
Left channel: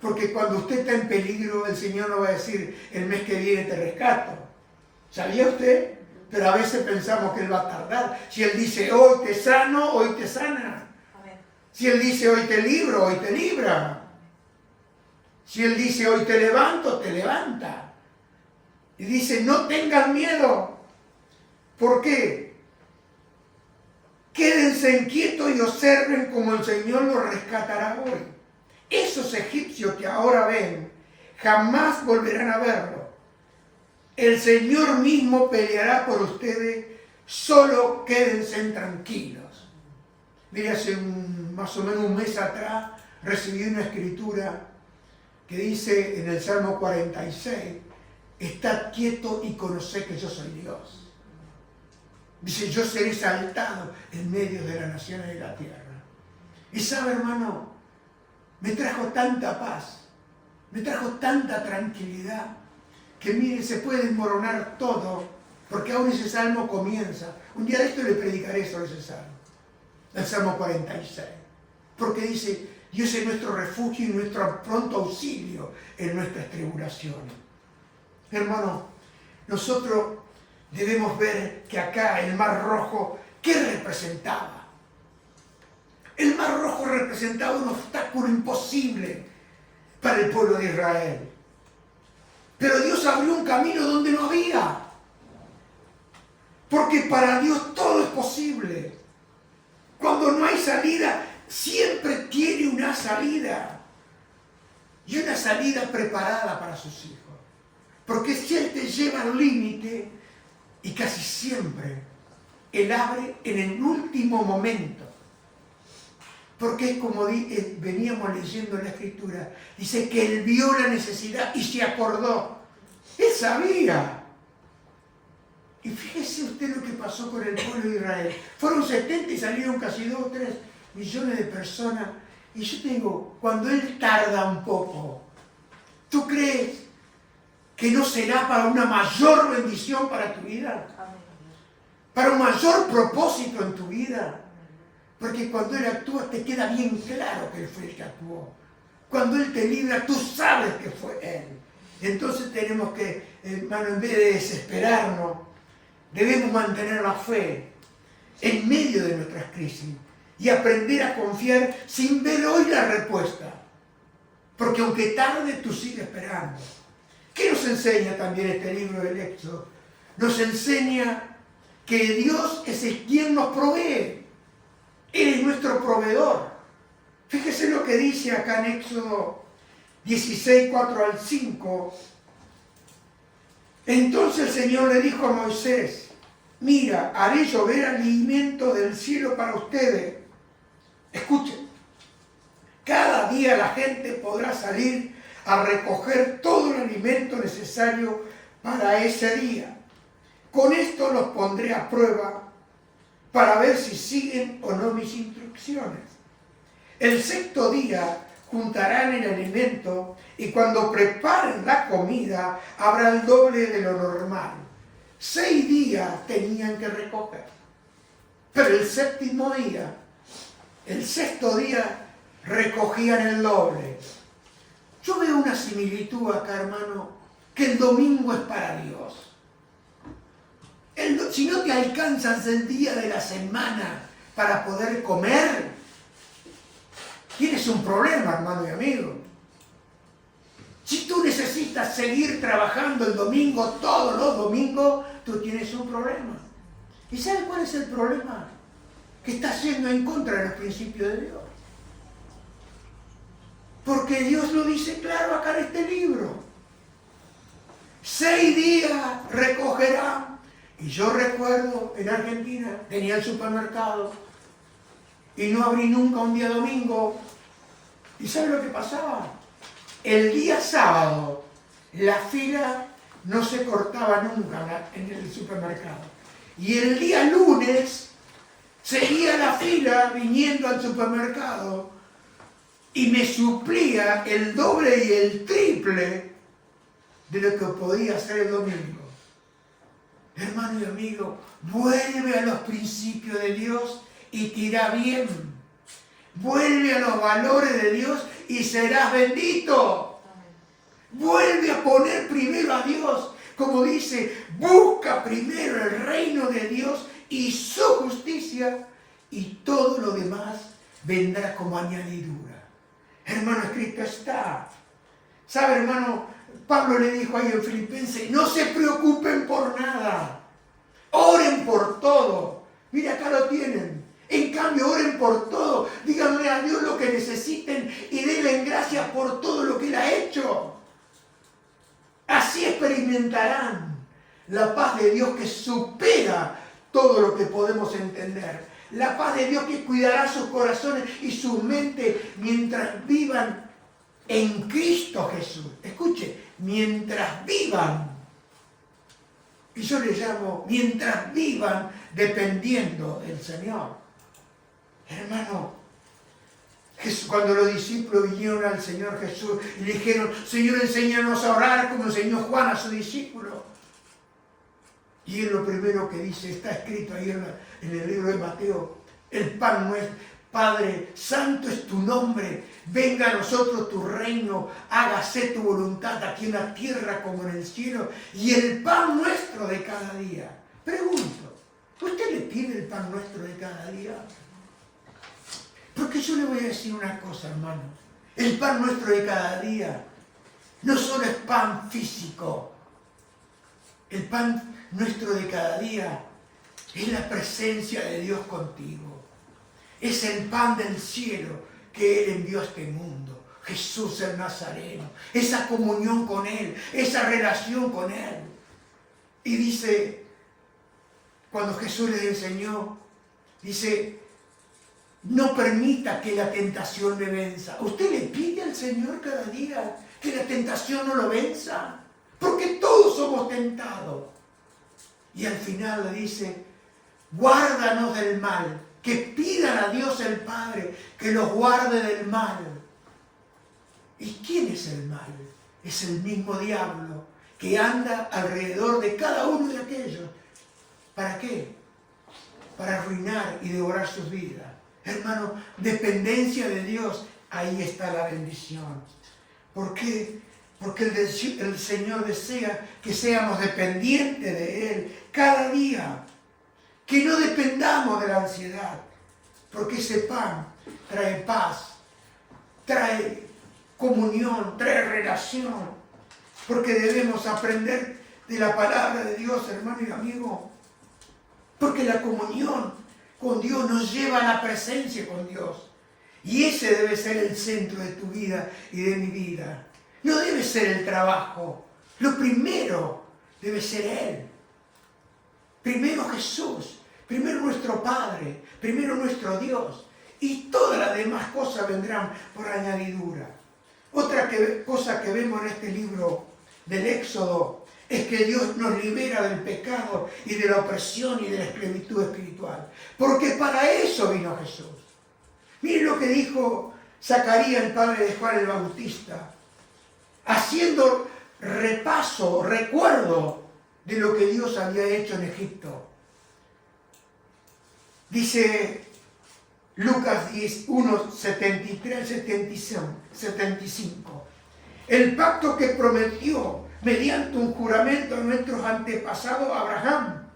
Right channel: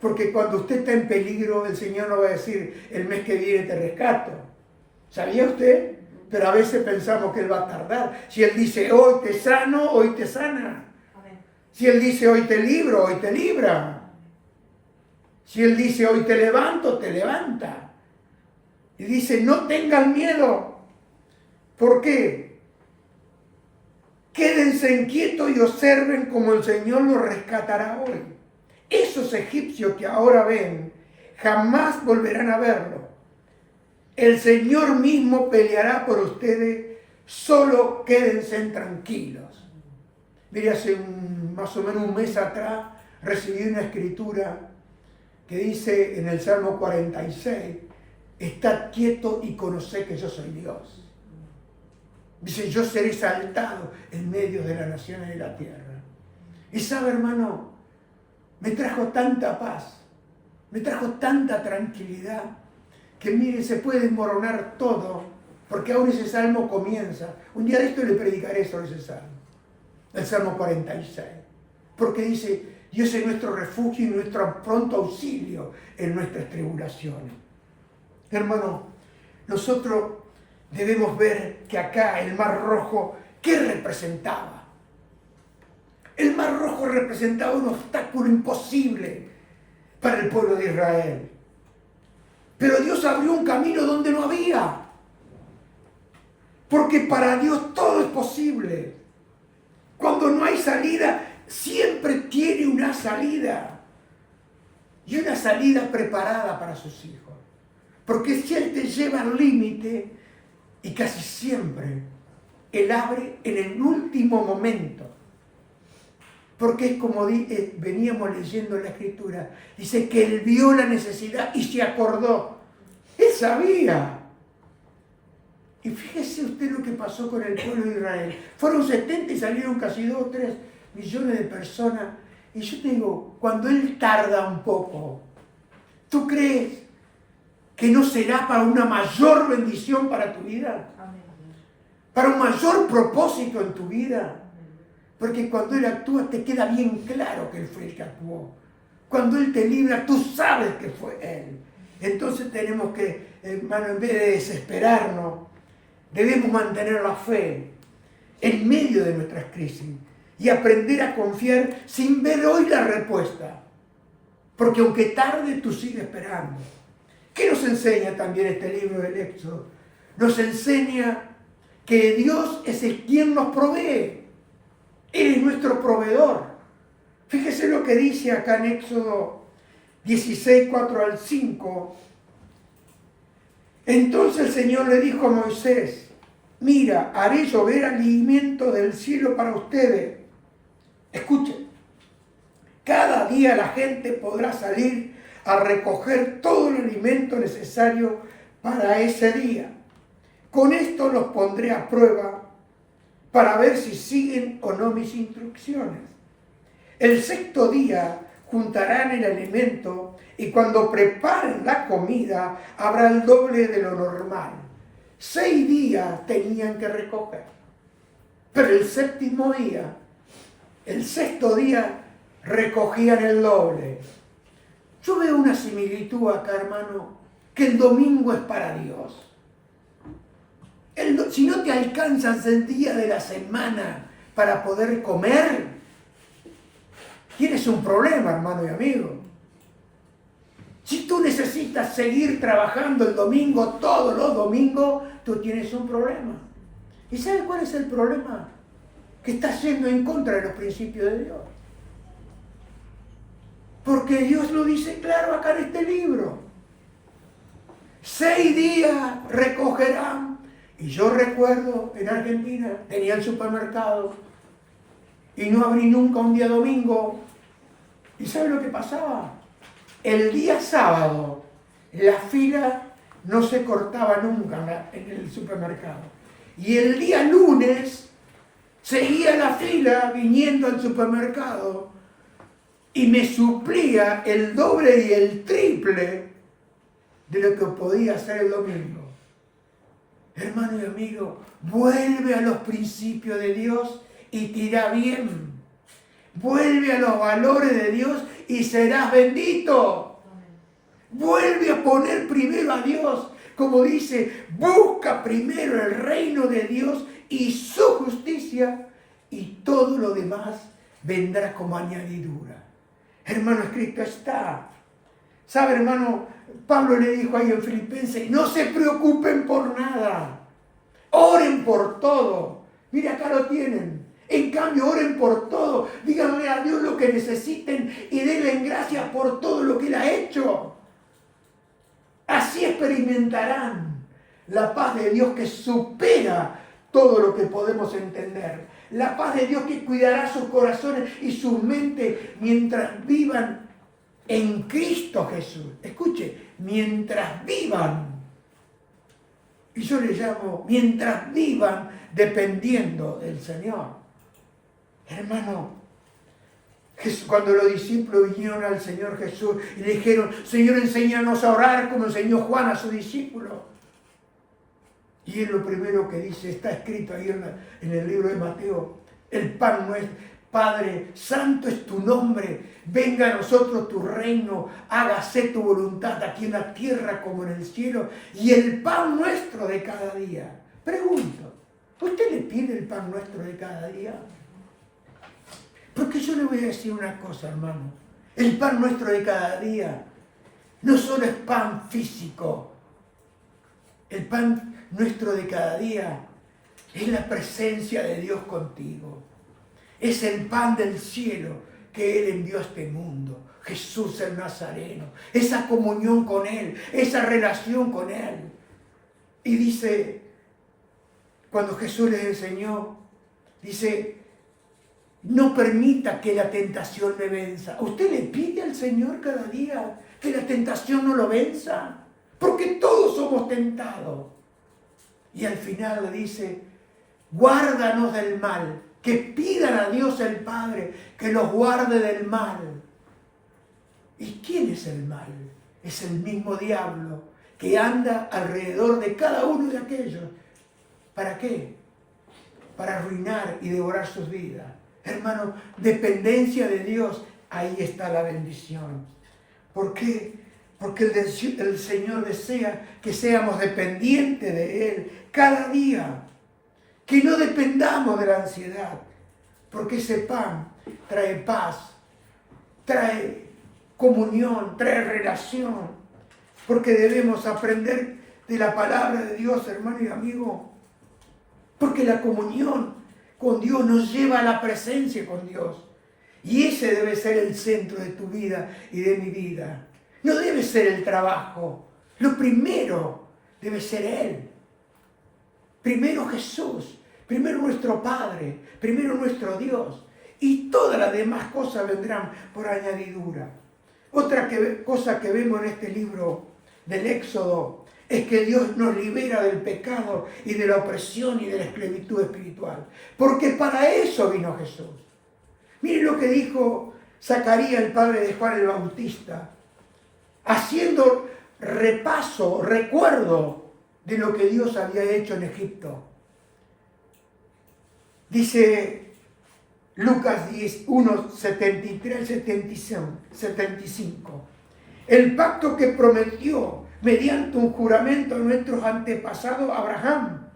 Porque cuando usted está en peligro, el Señor no va a decir, el mes que viene te rescato. ¿Sabía usted? Pero a veces pensamos que Él va a tardar. Si Él dice, hoy te sano, hoy te sana. Si Él dice, hoy te libro, hoy te libra. Si Él dice, hoy te levanto, te levanta. Y dice, no tengan miedo. ¿Por qué? Quédense inquietos y observen cómo el Señor los rescatará hoy. Esos egipcios que ahora ven, jamás volverán a verlo. El Señor mismo peleará por ustedes, solo quédense tranquilos. Mire, hace más o menos un mes atrás recibí una escritura que dice en el Salmo 46, estad quieto y conoced que yo soy Dios. Dice, yo seré exaltado en medio de las naciones de la tierra. Y sabe, hermano, me trajo tanta paz, me trajo tanta tranquilidad, que mire, se puede desmoronar todo, porque aún ese salmo comienza. Un día de esto le predicaré sobre ese salmo, el Salmo 46, porque dice, Dios es nuestro refugio y nuestro pronto auxilio en nuestras tribulaciones. Hermano, nosotros debemos ver que acá el Mar Rojo, ¿qué representaba? El Mar Rojo representaba un obstáculo imposible para el pueblo de Israel. Pero Dios abrió un camino donde no había. Porque para Dios todo es posible. Cuando no hay salida, siempre tiene una salida. Y una salida preparada para sus hijos. Porque si Él te lleva al límite, y casi siempre Él abre en el último momento. Porque es como veníamos leyendo en la Escritura, dice que Él vio la necesidad y se acordó. Él sabía. Y fíjese usted lo que pasó con el pueblo de Israel. Fueron 70 y salieron casi 2 o 3 millones de personas. Y yo te digo, cuando Él tarda un poco, ¿tú crees que no será para una mayor bendición para tu vida? Para un mayor propósito en tu vida. Porque cuando Él actúa te queda bien claro que Él fue el que actuó. Cuando Él te libra, tú sabes que fue Él. Entonces tenemos que, hermano, en vez de desesperarnos, debemos mantener la fe en medio de nuestras crisis y aprender a confiar sin ver hoy la respuesta. Porque aunque tarde, tú sigues esperando. ¿Qué nos enseña también este libro del Éxodo? Nos enseña que Dios es el quien nos provee. Él es nuestro proveedor. Fíjese lo que dice acá en Éxodo 16, 4 al 5. Entonces el Señor le dijo a Moisés, mira, haré llover alimento del cielo para ustedes. Escuchen, cada día la gente podrá salir a recoger todo el alimento necesario para ese día. Con esto los pondré a prueba para ver si siguen o no mis instrucciones. El 6º día juntarán el alimento y cuando preparen la comida habrá el doble de lo normal. 6 días tenían que recoger. Pero el 7º día, el 6º día, recogían el doble. Yo veo una similitud acá, hermano, que el domingo es para Dios. Si no te alcanzas el día de la semana para poder comer, tienes un problema, hermano y amigo. Si tú necesitas seguir trabajando el domingo, todos los domingos, tú tienes un problema. ¿Y sabes cuál es el problema? Que estás yendo en contra de los principios de Dios. Porque Dios lo dice claro acá en este libro. 6 días recogerán. Y yo recuerdo en Argentina, tenía el supermercado y no abrí nunca un día domingo. ¿Y sabes lo que pasaba? El día sábado, la fila no se cortaba nunca en el supermercado. Y el día lunes seguía la fila viniendo al supermercado y me suplía el doble y el triple de lo que podía hacer el domingo. Hermano y amigo, vuelve a los principios de Dios y te irá bien. Vuelve a los valores de Dios y serás bendito. Vuelve a poner primero a Dios. Como dice, busca primero el reino de Dios y su justicia, y todo lo demás vendrá como añadidura. Hermano, escrito está. ¿Sabe, hermano? Pablo le dijo ahí en Filipenses, no se preocupen por nada. Oren por todo. Mira, acá lo tienen. En cambio, oren por todo. Díganle a Dios lo que necesiten y denle gracias por todo lo que Él ha hecho. Así experimentarán la paz de Dios que supera todo lo que podemos entender. La paz de Dios que cuidará sus corazones y sus mentes mientras vivan en Cristo Jesús. Escuche, mientras vivan. Y yo le llamo, mientras vivan dependiendo del Señor. Hermano, cuando los discípulos vinieron al Señor Jesús y le dijeron, Señor, enséñanos a orar como enseñó Juan a sus discípulos. Y él lo primero que dice, está escrito ahí en el libro de Mateo, el pan nuestro, Padre, santo es tu nombre, venga a nosotros tu reino, hágase tu voluntad aquí en la tierra como en el cielo, y el pan nuestro de cada día. Pregunto, ¿usted le pide el pan nuestro de cada día? Porque yo le voy a decir una cosa, hermano. El pan nuestro de cada día no solo es pan físico. El pan nuestro de cada día es la presencia de Dios contigo. Es el pan del cielo que Él envió a este mundo. Jesús el Nazareno. Esa comunión con Él, esa relación con Él. Y dice, cuando Jesús les enseñó, dice, no permita que la tentación me venza. ¿Usted le pide al Señor cada día que la tentación no lo venza? Porque todos somos tentados. Y al final le dice, guárdanos del mal. Que pidan a Dios el Padre que los guarde del mal. ¿Y quién es el mal? Es el mismo diablo que anda alrededor de cada uno de aquellos. ¿Para qué? Para arruinar y devorar sus vidas. Hermano, dependencia de Dios, ahí está la bendición. ¿Por qué? Porque el Señor desea que seamos dependientes de Él cada día. Que no dependamos de la ansiedad. Porque ese pan trae paz, trae comunión, trae relación. Porque debemos aprender de la palabra de Dios, hermano y amigo. Porque la comunión con Dios nos lleva a la presencia con Dios. Y ese debe ser el centro de tu vida y de mi vida. No debe ser el trabajo. Lo primero debe ser Él. Primero Jesús. Primero nuestro Padre. Primero nuestro Dios. Y todas las demás cosas vendrán por añadidura. Otra cosa que vemos en este libro del Éxodo es que Dios nos libera del pecado y de la opresión y de la esclavitud espiritual. Porque para eso vino Jesús. Miren lo que dijo Zacarías, el padre de Juan el Bautista, haciendo recuerdo de lo que Dios había hecho en Egipto. Dice Lucas 1, 73, 75. El pacto que prometió mediante un juramento a nuestros antepasados Abraham.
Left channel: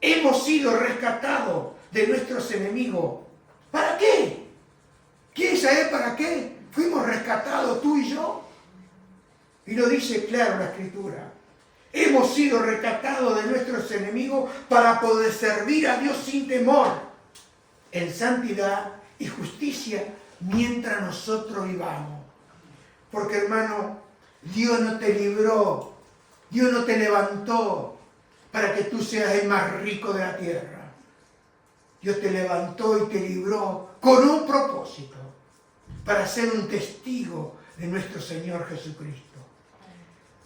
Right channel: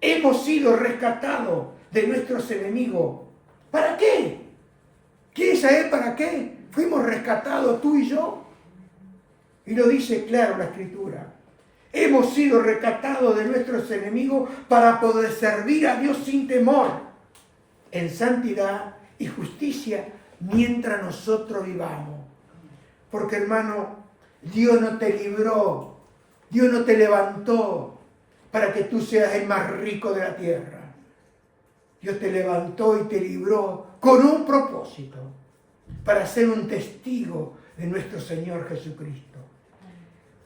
Hemos sido rescatados de nuestros enemigos. ¿Para qué? ¿Quieren saber para qué? Fuimos rescatados tú y yo. Y lo dice claro la Escritura. Hemos sido rescatados de nuestros enemigos para poder servir a Dios sin temor, en santidad y justicia, mientras nosotros vivamos. Porque, hermano, Dios no te libró, Dios no te levantó para que tú seas el más rico de la tierra. Dios te levantó y te libró con un propósito, para ser un testigo de nuestro Señor Jesucristo.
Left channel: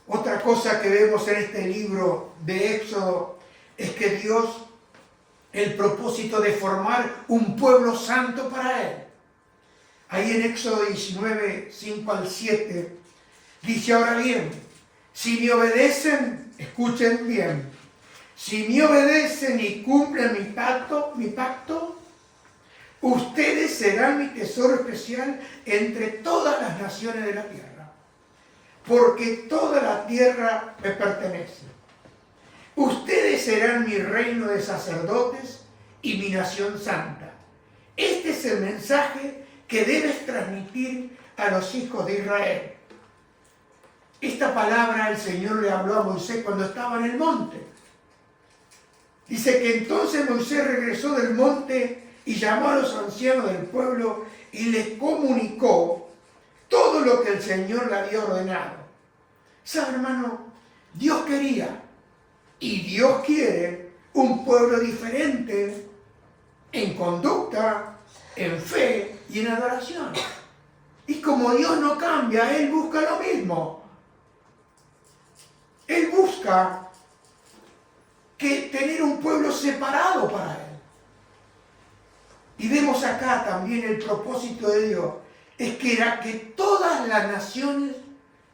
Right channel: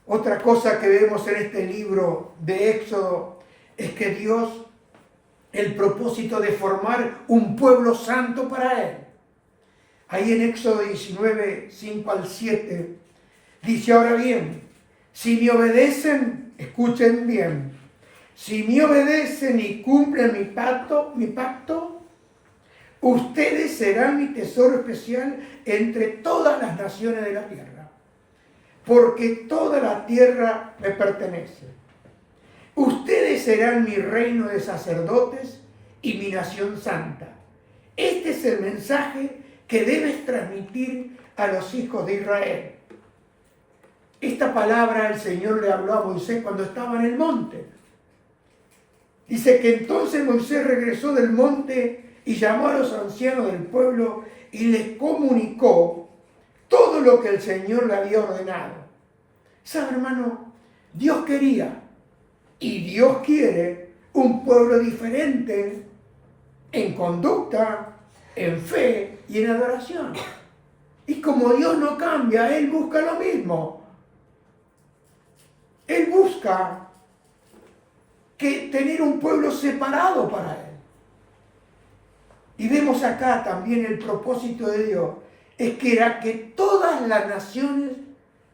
Otra cosa que vemos en este libro de Éxodo es que Dios, el propósito de formar un pueblo santo para Él. Ahí en Éxodo 19, 5 al 7, dice: ahora bien, si me obedecen, escuchen bien, si me obedecen y cumplen mi pacto, ustedes serán mi tesoro especial entre todas las naciones de la tierra, porque toda la tierra me pertenece. Ustedes serán mi reino de sacerdotes y mi nación santa. Este es el mensaje que debes transmitir a los hijos de Israel. Esta palabra el Señor le habló a Moisés cuando estaba en el monte. Dice que entonces Moisés regresó del monte y llamó a los ancianos del pueblo y les comunicó todo lo que el Señor le había ordenado. ¿Sabe, hermano? Dios quería y Dios quiere un pueblo diferente en conducta, en fe y en adoración. Y como Dios no cambia, Él busca lo mismo. Él busca que tener un pueblo separado para Él. Y vemos acá también el propósito de Dios, es que era que todas las naciones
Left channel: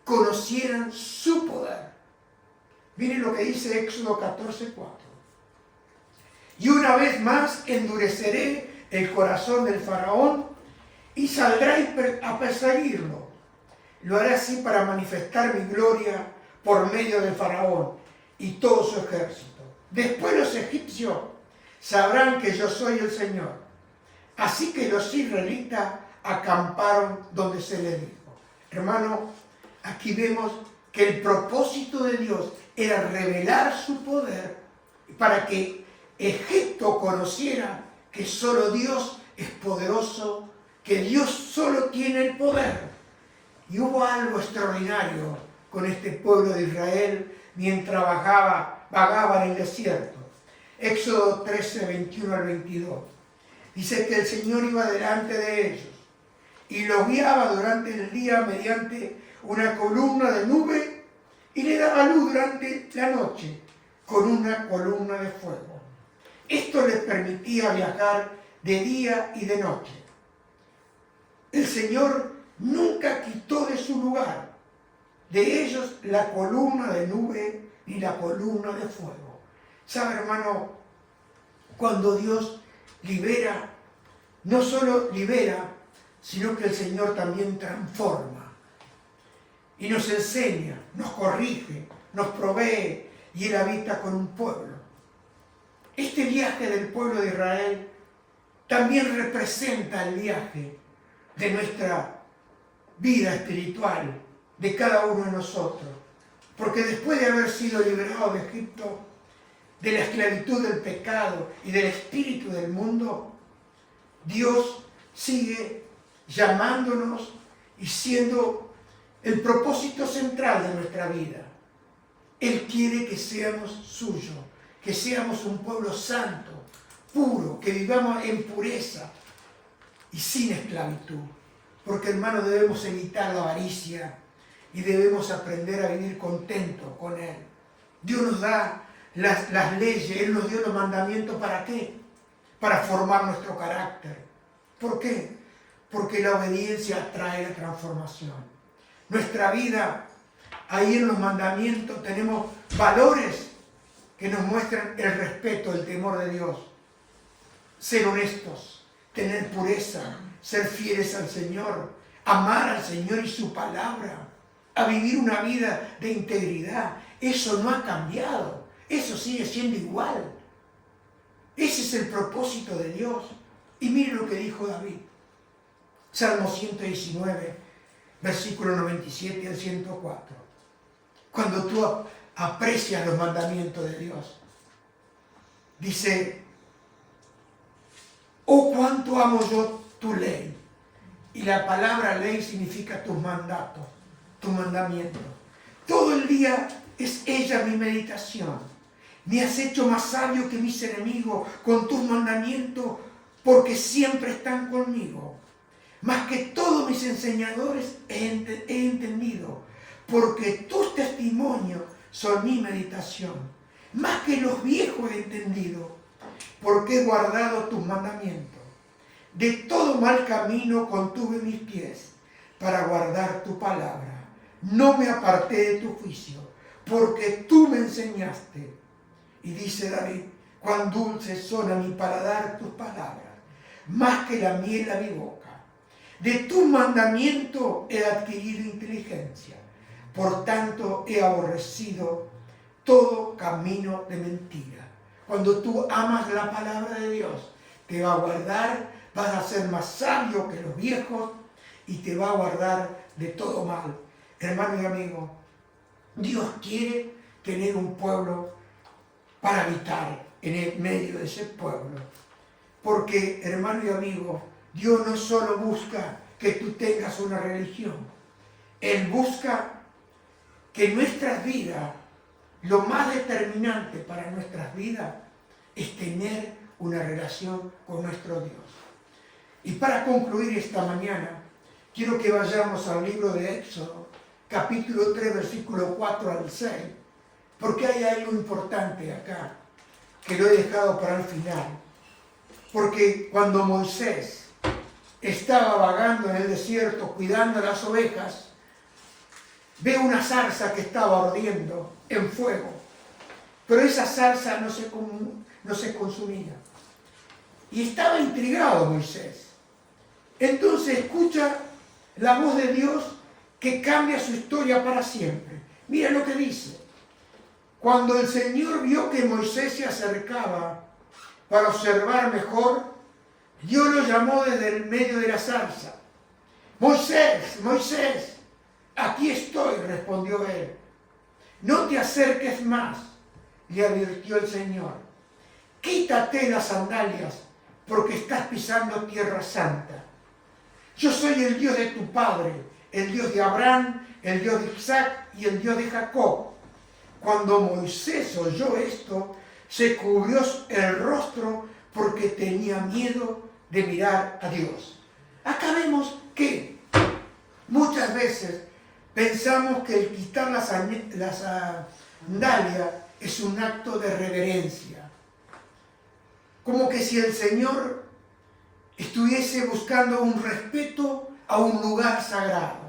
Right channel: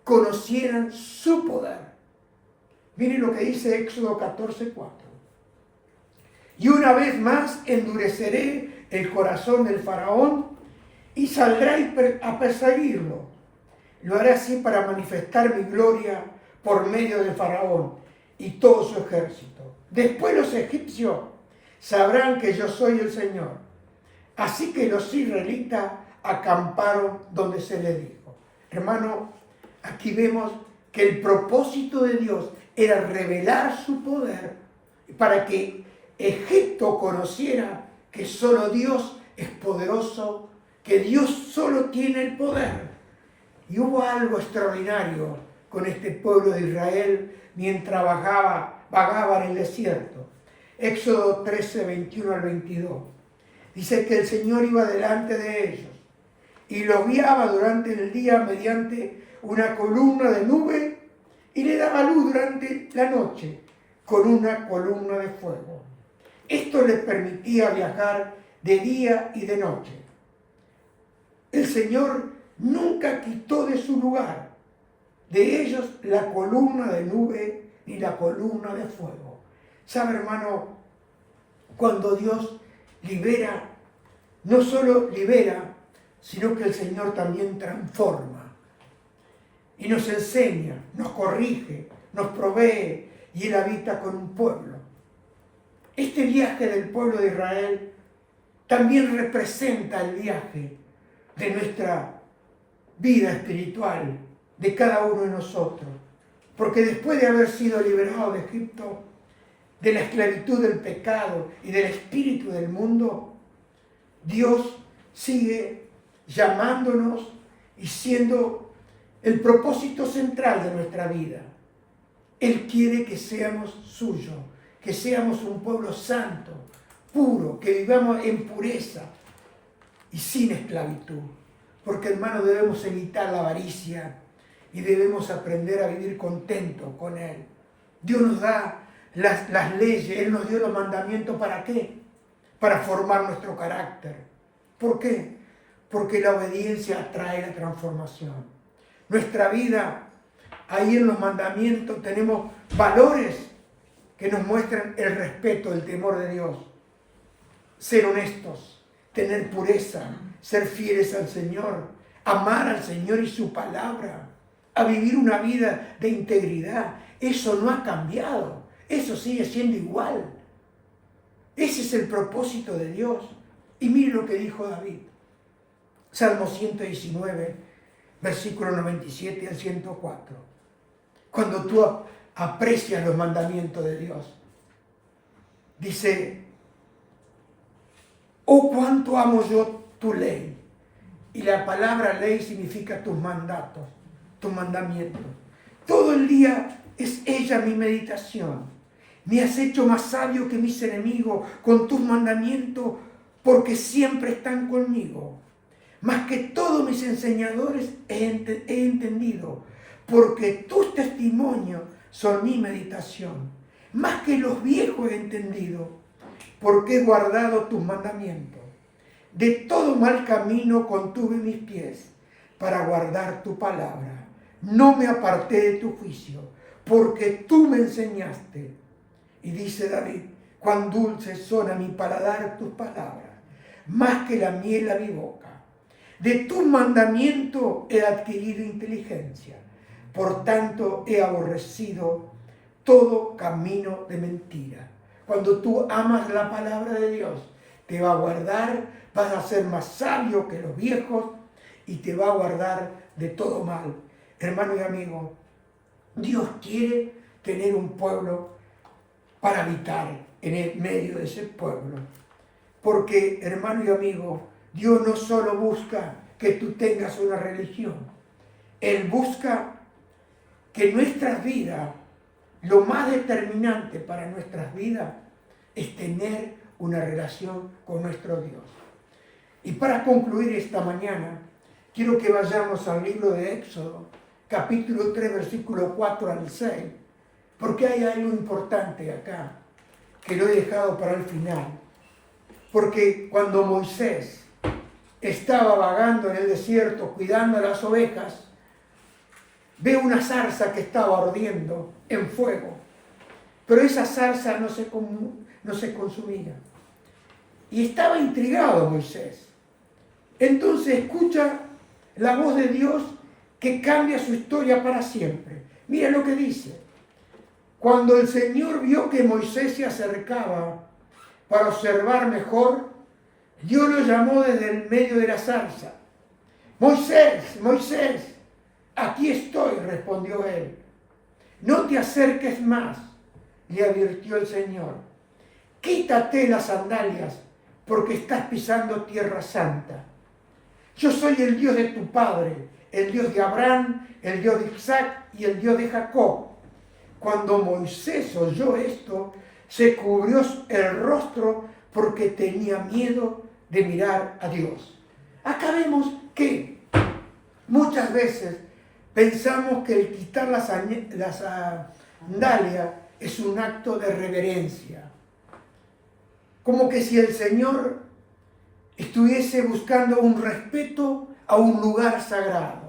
conocieran su poder. Miren lo que dice Éxodo 14:4. Y una vez más endureceré el corazón del faraón y saldrá a perseguirlo. Lo haré así para manifestar mi gloria por medio del faraón y todo su ejército. Después los egipcios sabrán que yo soy el Señor. Así que los israelitas acamparon donde se les dijo. Hermano, aquí vemos que el propósito de Dios era revelar su poder para que Egipto conociera que solo Dios es poderoso, que Dios solo tiene el poder. Y hubo algo extraordinario con este pueblo de Israel mientras vagaba en el desierto. Éxodo 13, 21 al 22. Dice que el Señor iba delante de ellos y los guiaba durante el día mediante una columna de nube y le daba luz durante la noche con una columna de fuego. Esto les permitía viajar de día y de noche. El Señor nunca quitó de su lugar de ellos la columna de nube ni la columna de fuego. ¿Sabe, hermano? Cuando Dios libera, no solo libera, sino que el Señor también transforma y nos enseña, nos corrige, nos provee y Él habita con un pueblo. Este viaje del pueblo de Israel también representa el viaje de nuestra vida espiritual, de cada uno de nosotros. Porque después de haber sido liberado de Egipto, de la esclavitud del pecado y del espíritu del mundo, Dios sigue llamándonos y siendo el propósito central de nuestra vida. Él quiere que seamos suyos, que seamos un pueblo santo, puro, que vivamos en pureza y sin esclavitud. Porque, hermano, debemos evitar la avaricia y debemos aprender a vivir contentos con Él. Dios nos da las leyes, Él nos dio los mandamientos, ¿para qué? Para formar nuestro carácter. ¿Por qué? Porque la obediencia trae la transformación. Nuestra vida, ahí en los mandamientos tenemos valores que nos muestran el respeto, el temor de Dios. Ser honestos, tener pureza, ser fieles al Señor, amar al Señor y su palabra, a vivir una vida de integridad. Eso no ha cambiado, eso sigue siendo igual. Ese es el propósito de Dios. Y mire lo que dijo David. Salmo 119, versículo 97 al 104. Cuando tú aprecias los mandamientos de Dios, dice: oh, cuánto amo yo tu ley. Y la palabra ley significa tus mandatos, tus mandamientos. Todo el día es ella mi meditación. Me has hecho más sabio que mis enemigos con tus mandamientos, porque siempre están conmigo. Más que todos mis enseñadores he entendido, porque tus testimonios son mi meditación, más que los viejos he entendido, porque he guardado tus mandamientos. De todo mal camino contuve mis pies, para guardar tu palabra. No me aparté de tu juicio, porque tú me enseñaste. Y dice David, cuán dulces son a mi paladar tus palabras, más que la miel a mi boca. De tu mandamiento he adquirido inteligencia, por tanto he aborrecido todo camino de mentira. Cuando tú amas la palabra de Dios, te va a guardar, vas a ser más sabio que los viejos y te va a guardar de todo mal. Hermano y amigo, Dios quiere tener un pueblo para habitar en el medio de ese pueblo. Porque, hermano y amigo, Dios no solo busca que tú tengas una religión. Él busca que nuestras vidas, lo más determinante para nuestras vidas, es tener una relación con nuestro Dios. Y para concluir esta mañana, quiero que vayamos al libro de Éxodo, capítulo 3, versículo 4 al 6, porque hay algo importante acá, que lo he dejado para el final. Porque cuando Moisés estaba vagando en el desierto, cuidando las ovejas, ve una zarza que estaba ardiendo en fuego, pero esa zarza no se consumía. Y estaba intrigado Moisés. Entonces escucha la voz de Dios que cambia su historia para siempre. Mira lo que dice. Cuando el Señor vio que Moisés se acercaba para observar mejor, Dios lo llamó desde el medio de la zarza. Moisés, Moisés, aquí estoy, respondió él. No te acerques más, le advirtió el Señor. Quítate las sandalias, porque estás pisando tierra santa. Yo soy el Dios de tu padre, el Dios de Abraham, el Dios de Isaac y el Dios de Jacob. Cuando Moisés oyó esto, se cubrió el rostro porque tenía miedo de mirar a Dios. Acá vemos que muchas veces pensamos que el quitar las sandalias es un acto de reverencia. Como que si el Señor estuviese buscando un respeto a un lugar sagrado.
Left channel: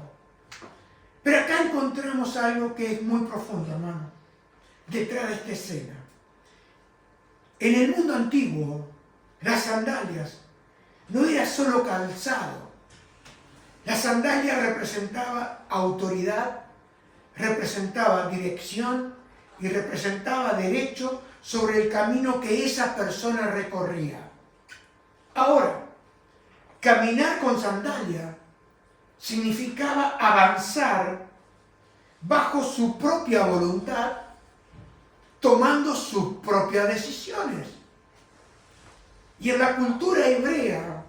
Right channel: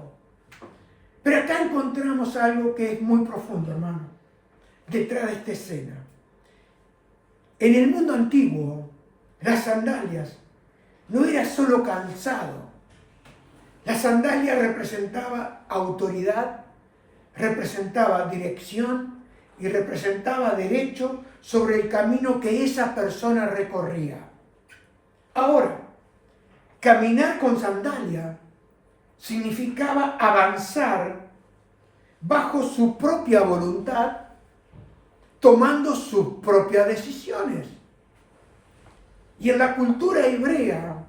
Pero acá encontramos algo que es muy profundo, hermano, detrás de esta escena. En el mundo antiguo, las sandalias no era solo calzado. La sandalia representaba autoridad, representaba dirección y representaba derecho sobre el camino que esa persona recorría. Ahora, caminar con sandalia significaba avanzar bajo su propia voluntad, tomando sus propias decisiones. Y en la cultura hebrea,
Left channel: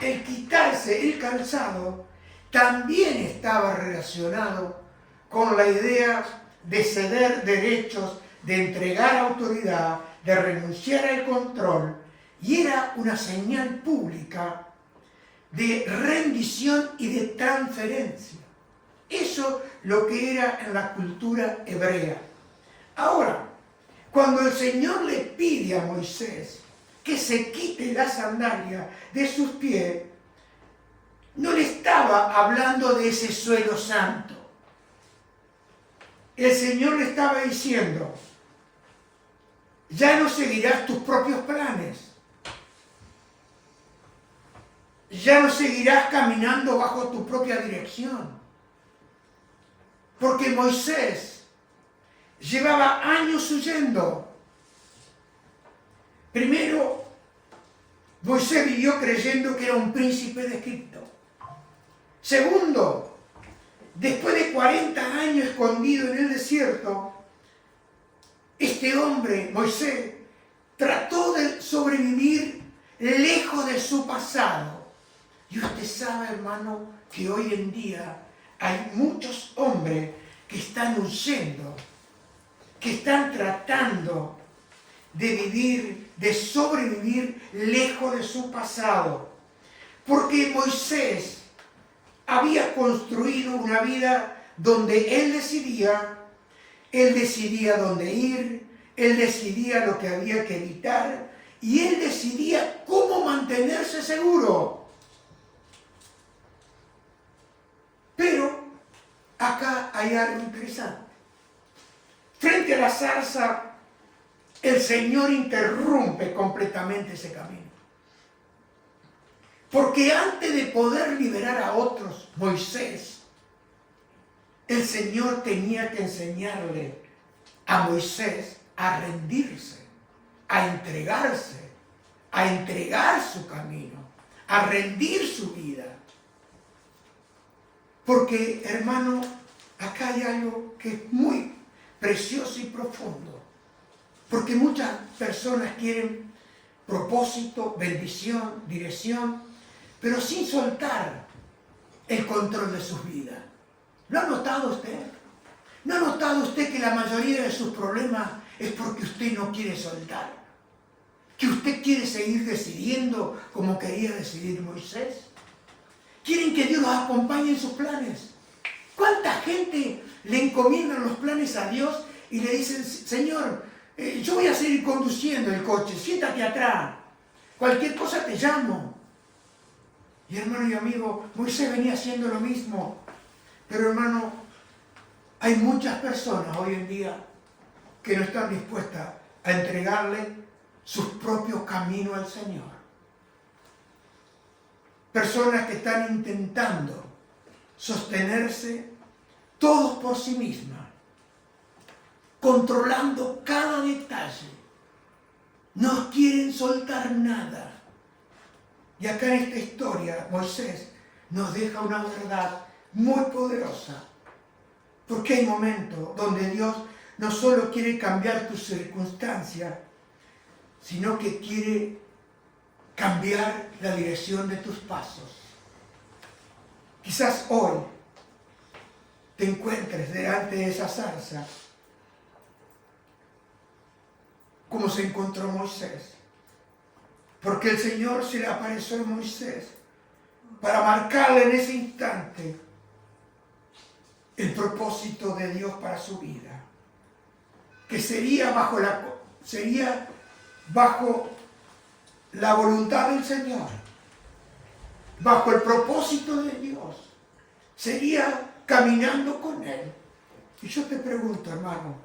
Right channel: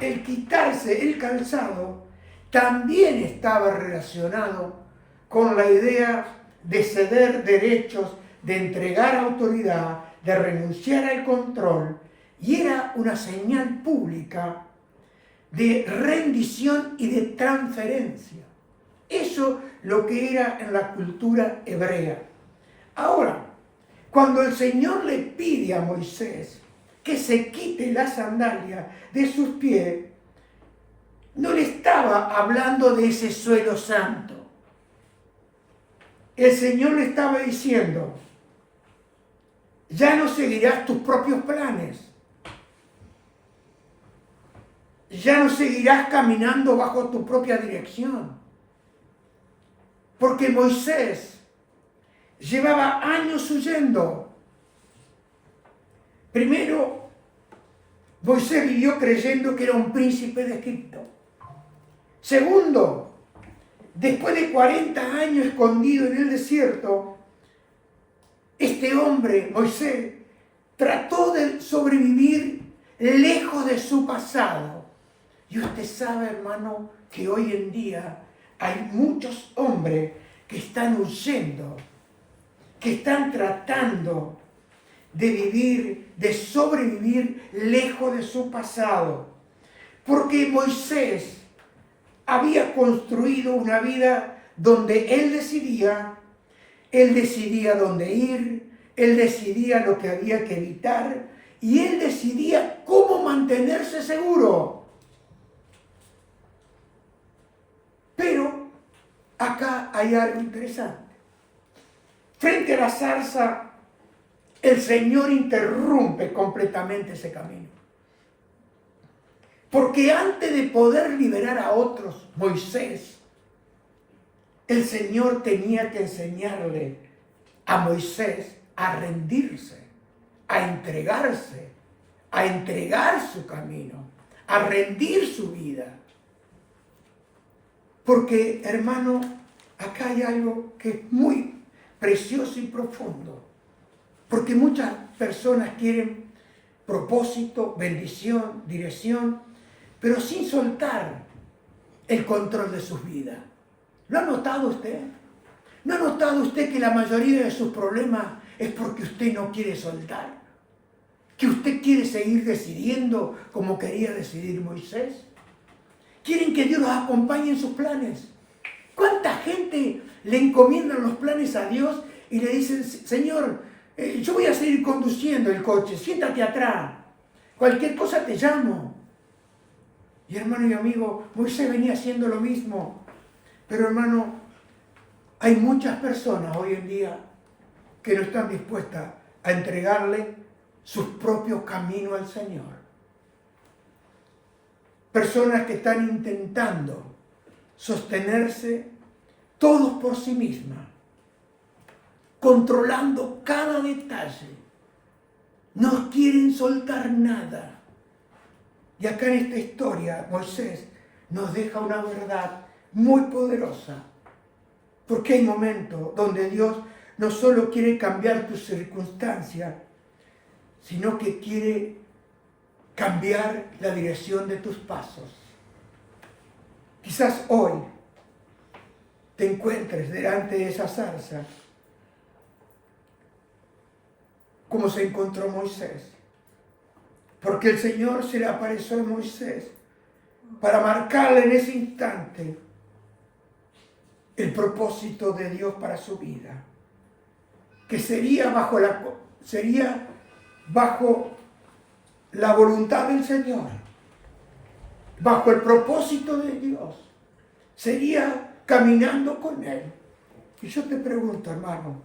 el quitarse el calzado también estaba relacionado con la idea de ceder derechos, de entregar autoridad, de renunciar al control, y era una señal pública de rendición y de transferencia. Eso lo que era en la cultura hebrea. Ahora, cuando el Señor le pide a Moisés que se quite la sandalia de sus pies, no le estaba hablando de ese suelo santo. El Señor le estaba diciendo, ya no seguirás tus propios planes. Ya no seguirás caminando bajo tu propia dirección. Porque Moisés llevaba años huyendo. Primero, Moisés vivió creyendo que era un príncipe de Egipto. Segundo, después de 40 años escondido en el desierto, este hombre, Moisés, trató de sobrevivir lejos de su pasado. Y usted sabe, hermano, que hoy en día hay muchos hombres que están huyendo, que están tratando de vivir, de sobrevivir lejos de su pasado. Porque Moisés había construido una vida donde él decidía dónde ir, él decidía lo que había que evitar y él decidía cómo mantenerse seguro. Pero acá hay algo interesante. Frente a la zarza, el Señor interrumpe completamente ese camino. Porque antes de poder liberar a otros, Moisés, el Señor tenía que enseñarle a Moisés a rendirse, a entregarse, a entregar su camino, a rendir su vida. Porque, hermano, acá hay algo que es muy precioso y profundo. Porque muchas personas quieren propósito, bendición, dirección, pero sin soltar el control de sus vidas. ¿Lo ha notado usted? ¿No ha notado usted que la mayoría de sus problemas es porque usted no quiere soltar? ¿Que usted quiere seguir decidiendo como quería decidir Moisés? ¿Quieren que Dios los acompañe en sus planes? ¿Cuánta gente le encomiendan los planes a Dios y le dicen, Señor, yo voy a seguir conduciendo el coche, siéntate atrás, cualquier cosa te llamo? Y hermano y amigo, Moisés venía haciendo lo mismo. Pero hermano, hay muchas personas hoy en día que no están dispuestas a entregarle sus propios caminos al Señor. Personas que están intentando sostenerse todos por sí mismas, controlando cada detalle. No quieren soltar nada. Y acá en esta historia, Moisés nos deja una verdad muy poderosa. Porque hay momentos donde Dios no solo quiere cambiar tus circunstancias, sino que quiere cambiar la dirección de tus pasos. Quizás hoy te encuentres delante de esa zarza, como se encontró Moisés. Porque el Señor se le apareció a Moisés para marcarle en ese instante el propósito de Dios para su vida. Que sería bajo la voluntad del Señor, bajo el propósito de Dios. Sería caminando con Él. Y yo te pregunto, hermano,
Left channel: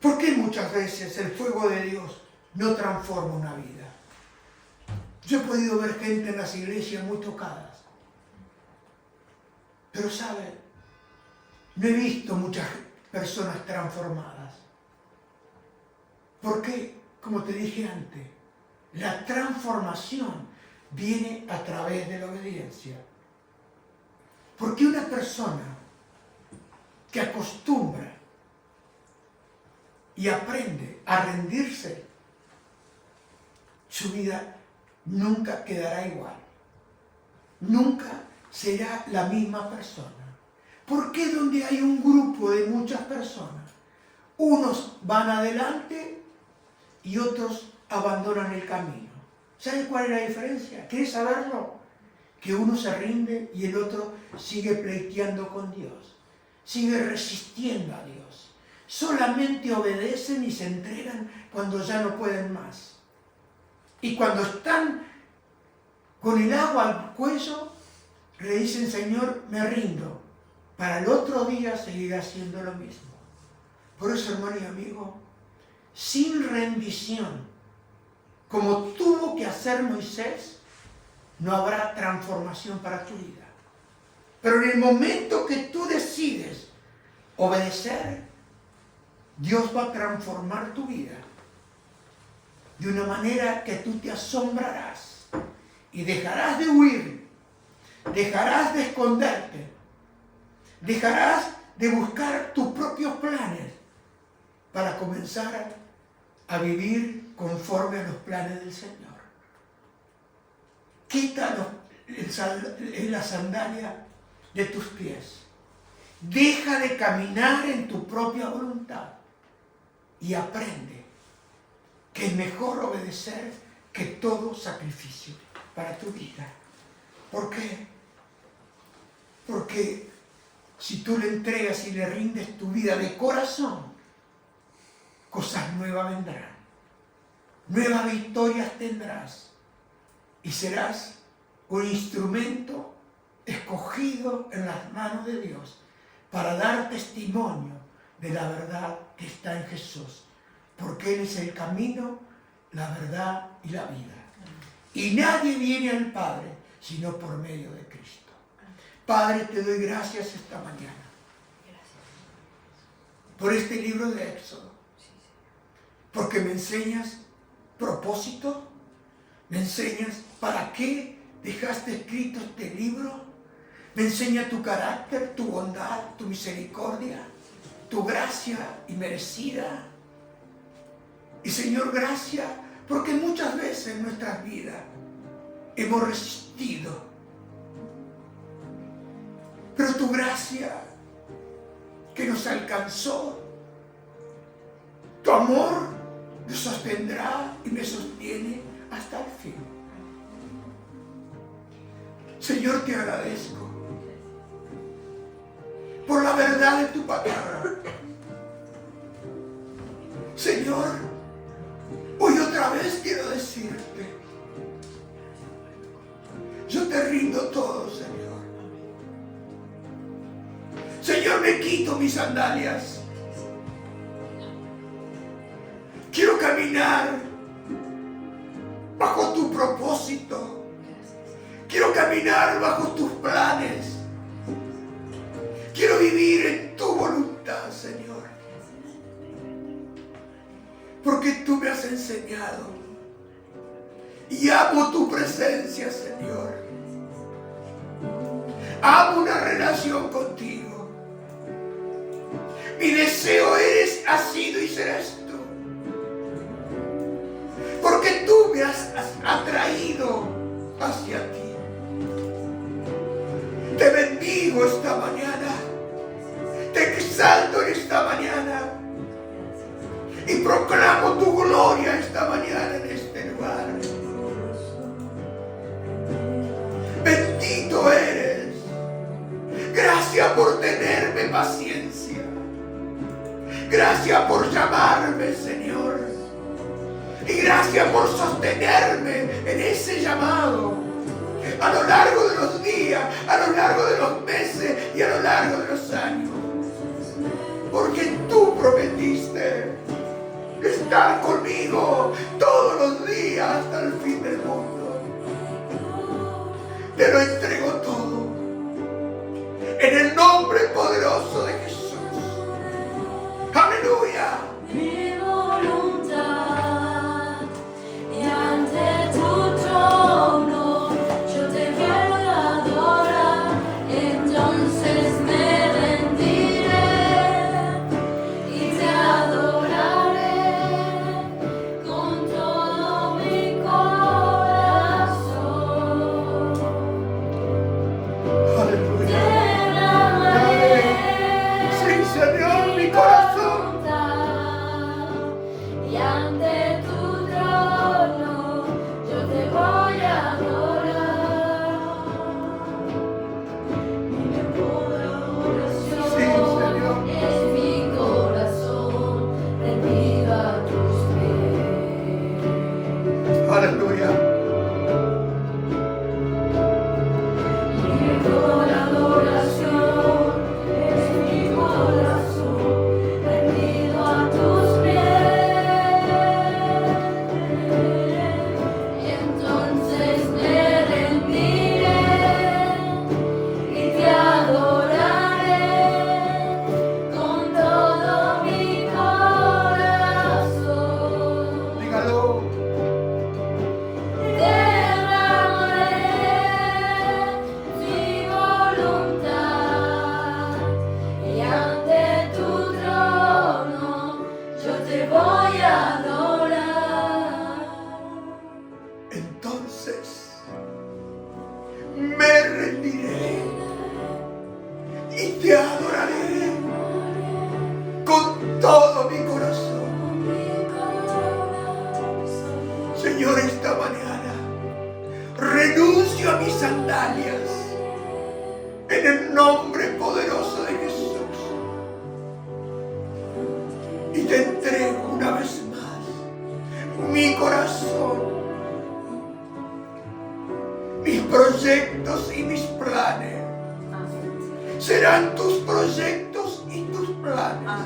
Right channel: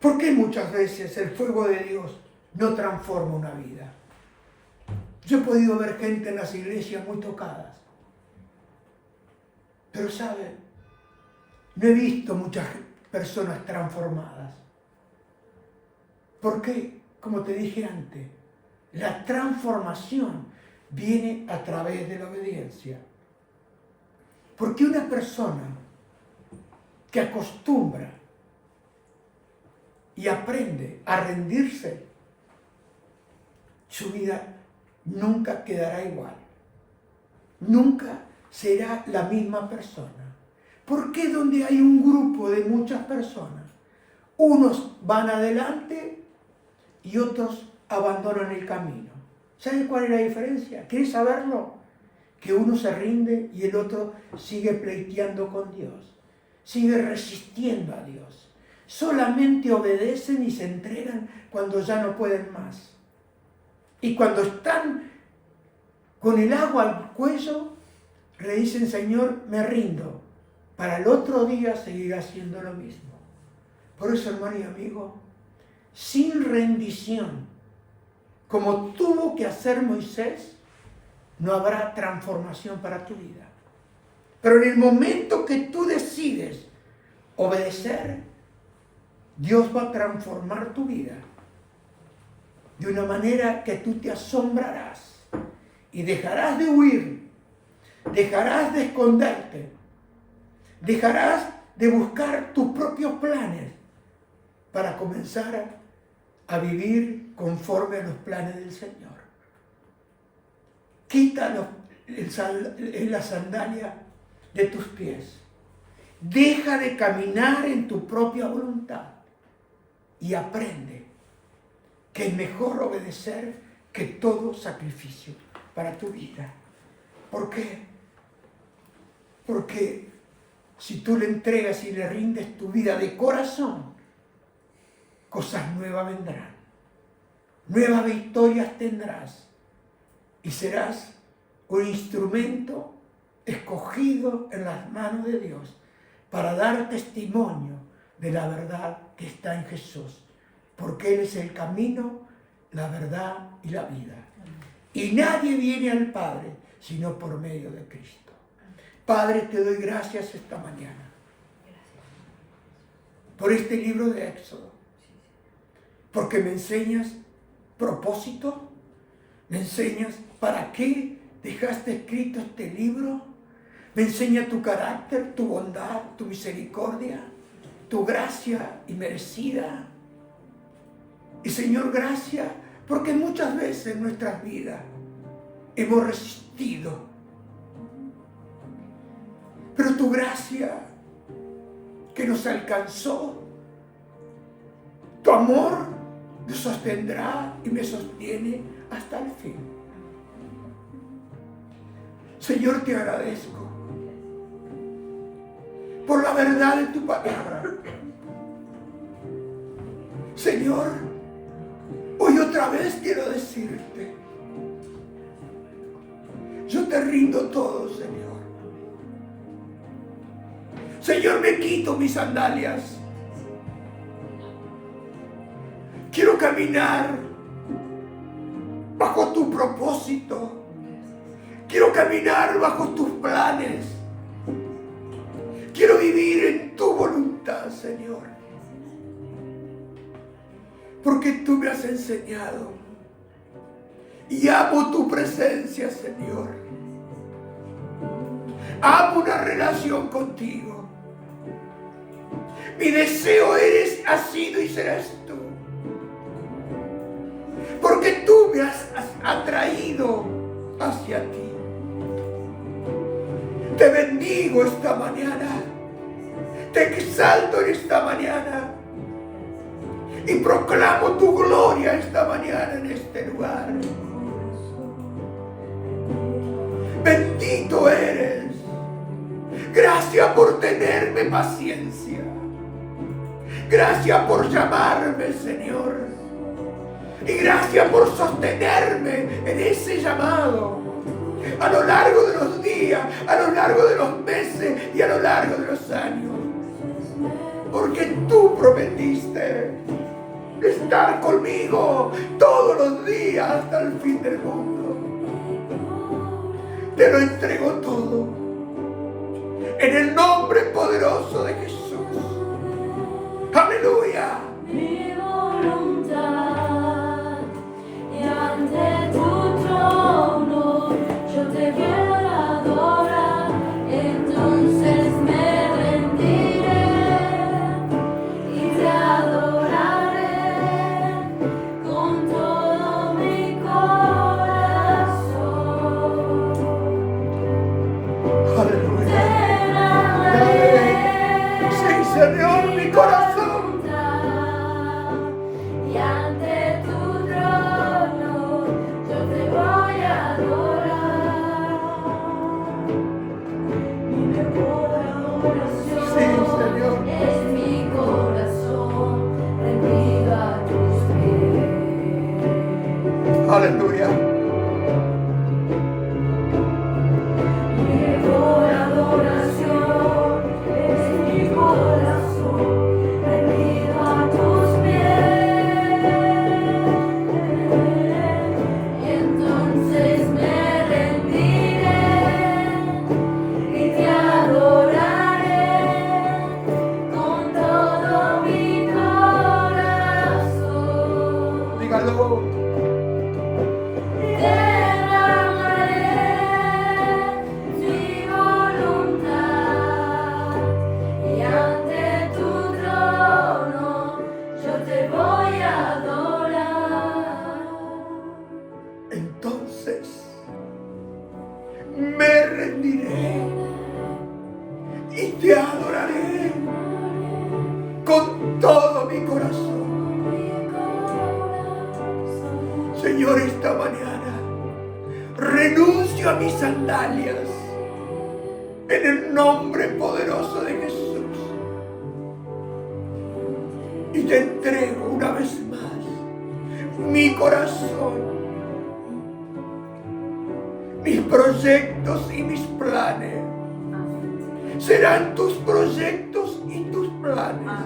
¿por qué muchas veces el fuego de Dios no transforma una vida? Yo he podido ver gente en las iglesias muy tocadas. Pero ¿sabe? No he visto muchas personas transformadas. ¿Por qué? Como te dije antes, la transformación viene a través de la obediencia. Porque una persona que acostumbra y aprende a rendirse, su vida nunca quedará igual. Nunca será la misma persona. ¿Por qué donde hay un grupo de muchas personas, unos van adelante y otros abandonan el camino? ¿Saben cuál es la diferencia? ¿Quieres saberlo? Que uno se rinde y el otro sigue pleiteando con Dios, sigue resistiendo a Dios. Solamente obedecen y se entregan cuando ya no pueden más. Y cuando están con el agua al cuello, le dicen, Señor, me rindo, para el otro día seguir haciendo lo mismo. Por eso, hermano y amigo, sin rendición, como tuvo que hacer Moisés, no habrá transformación para tu vida. Pero en el momento que tú decides obedecer, Dios va a transformar tu vida de una manera que tú te asombrarás y dejarás de huir, dejarás de esconderte, dejarás de buscar tus propios planes para comenzar a vivir conforme a los planes del Señor. Quita la sandalia de tus pies. Deja de caminar en tu propia voluntad y aprende que es mejor obedecer que todo sacrificio para tu vida. ¿Por qué? Porque si tú le entregas y le rindes tu vida de corazón, cosas nuevas vendrán. Nuevas victorias tendrás. Y serás un instrumento escogido en las manos de Dios para dar testimonio de la verdad que está en Jesús. Porque Él es el camino, la verdad y la vida. Y nadie viene al Padre sino por medio de Cristo. Padre, te doy gracias esta mañana por este libro de Éxodo. Porque me enseñas propósito, me enseñas para qué dejaste escrito este libro, me enseña tu carácter, tu bondad, tu misericordia, tu gracia inmerecida. Y Señor, gracias, porque muchas veces en nuestras vidas hemos resistido. Pero tu gracia que nos alcanzó, tu amor nos sostendrá y me sostiene hasta el fin. Señor, te agradezco por la verdad de tu palabra. Señor, hoy otra vez quiero decirte, yo te rindo todo, Señor. Señor, me quito mis sandalias. Quiero caminar bajo tu propósito. Quiero caminar bajo tus planes. Quiero vivir en tu voluntad, Señor. Porque tú me has enseñado. Y amo tu presencia, Señor. Amo una relación contigo. Mi deseo ha sido y serás tú. Porque tú me has atraído hacia ti. Te bendigo esta mañana. Te exalto en esta mañana. Y proclamo tu gloria esta mañana en este lugar. Bendito eres. Gracias por tenerme paciencia. Gracias por llamarme, Señor. Y gracias por sostenerme en ese llamado. A lo largo de los días, a lo largo de los meses y a lo largo de los años. Porque tú prometiste estar conmigo todos los días hasta el fin del mundo. Te lo entrego todo en el nombre poderoso de Jesús. Aleluya. Mi voluntad y ante tu trono yo te quiero adorar, entonces me rendiré y te adoraré con todo mi corazón. Aleluya. Te amaré. Sí, Señor, mi corazón. Y ante tu trono yo te voy a adorar. Mi mejor adoración Sí, Señor. es mi corazón rendido a tus pies. Aleluya. Mi mejor adoración es mi corazón rendido a tus pies. Entonces me rendiré y te adoraré con todo mi corazón. Dígalo. Derramaré mi voluntad y ante tu trono yo te voy a adorar. Entonces me rendiré y te adoraré con todo mi corazón. Señor, esta mañana renuncio a mis sandalias En el nombre poderoso de Jesús. Y te entrego una vez más mi corazón, mis proyectos y mis planes. Serán tus proyectos y tus planes.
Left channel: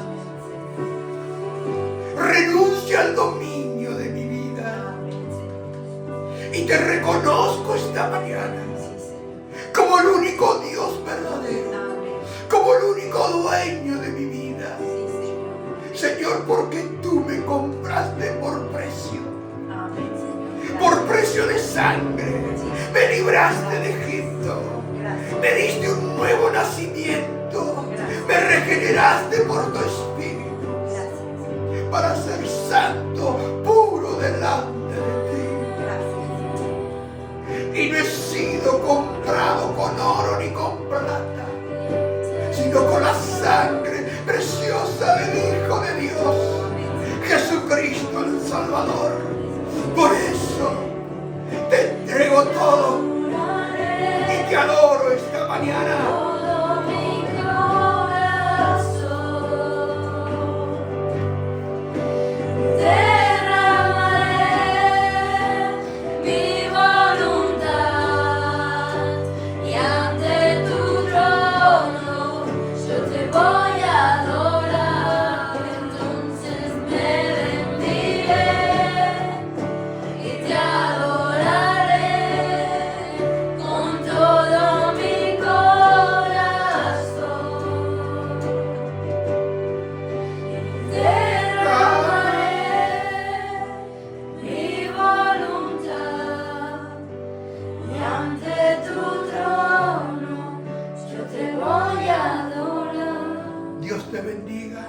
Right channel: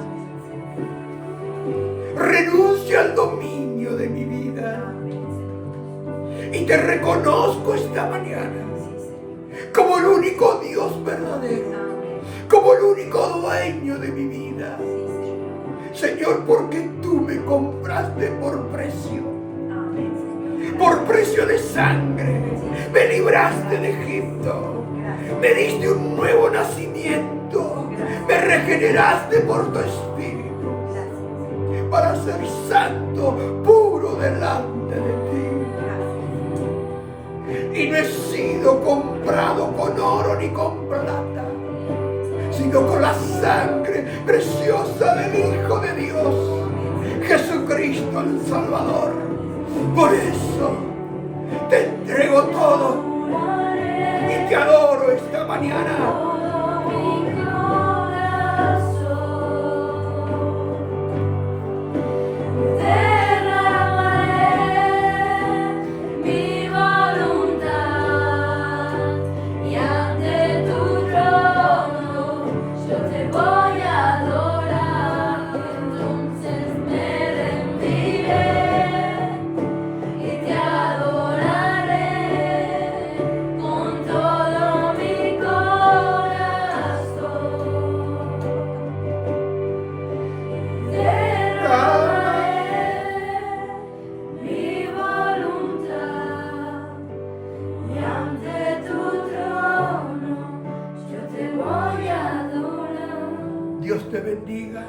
Renuncio al dominio de mi vida. Y te reconozco esta mañana como el único Dios verdadero, como el único dueño de mi vida. Señor, porque tú me compraste por precio de sangre. Me libraste de Egipto. Me diste un nuevo nacimiento. Me regeneraste por tu Espíritu para ser santo, puro delante de ti. Y no he sido comprado con oro ni con plata, sino con la sangre preciosa del Hijo de Dios, Jesucristo el Salvador. Por eso te entrego todo y te adoro esta mañana. Dios te bendiga,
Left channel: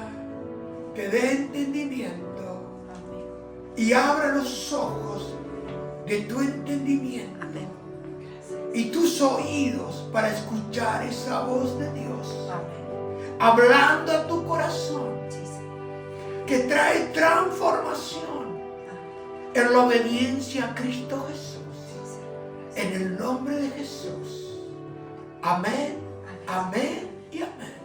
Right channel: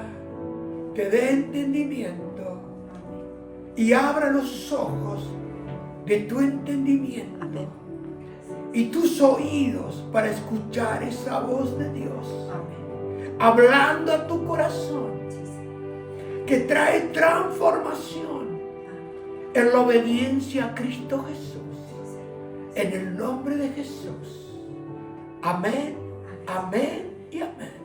te dé entendimiento y abra los ojos de tu entendimiento y tus oídos para escuchar esa voz de Dios hablando a tu corazón, que trae transformación en la obediencia a Cristo Jesús. En el nombre de Jesús. Amén, amén y amén.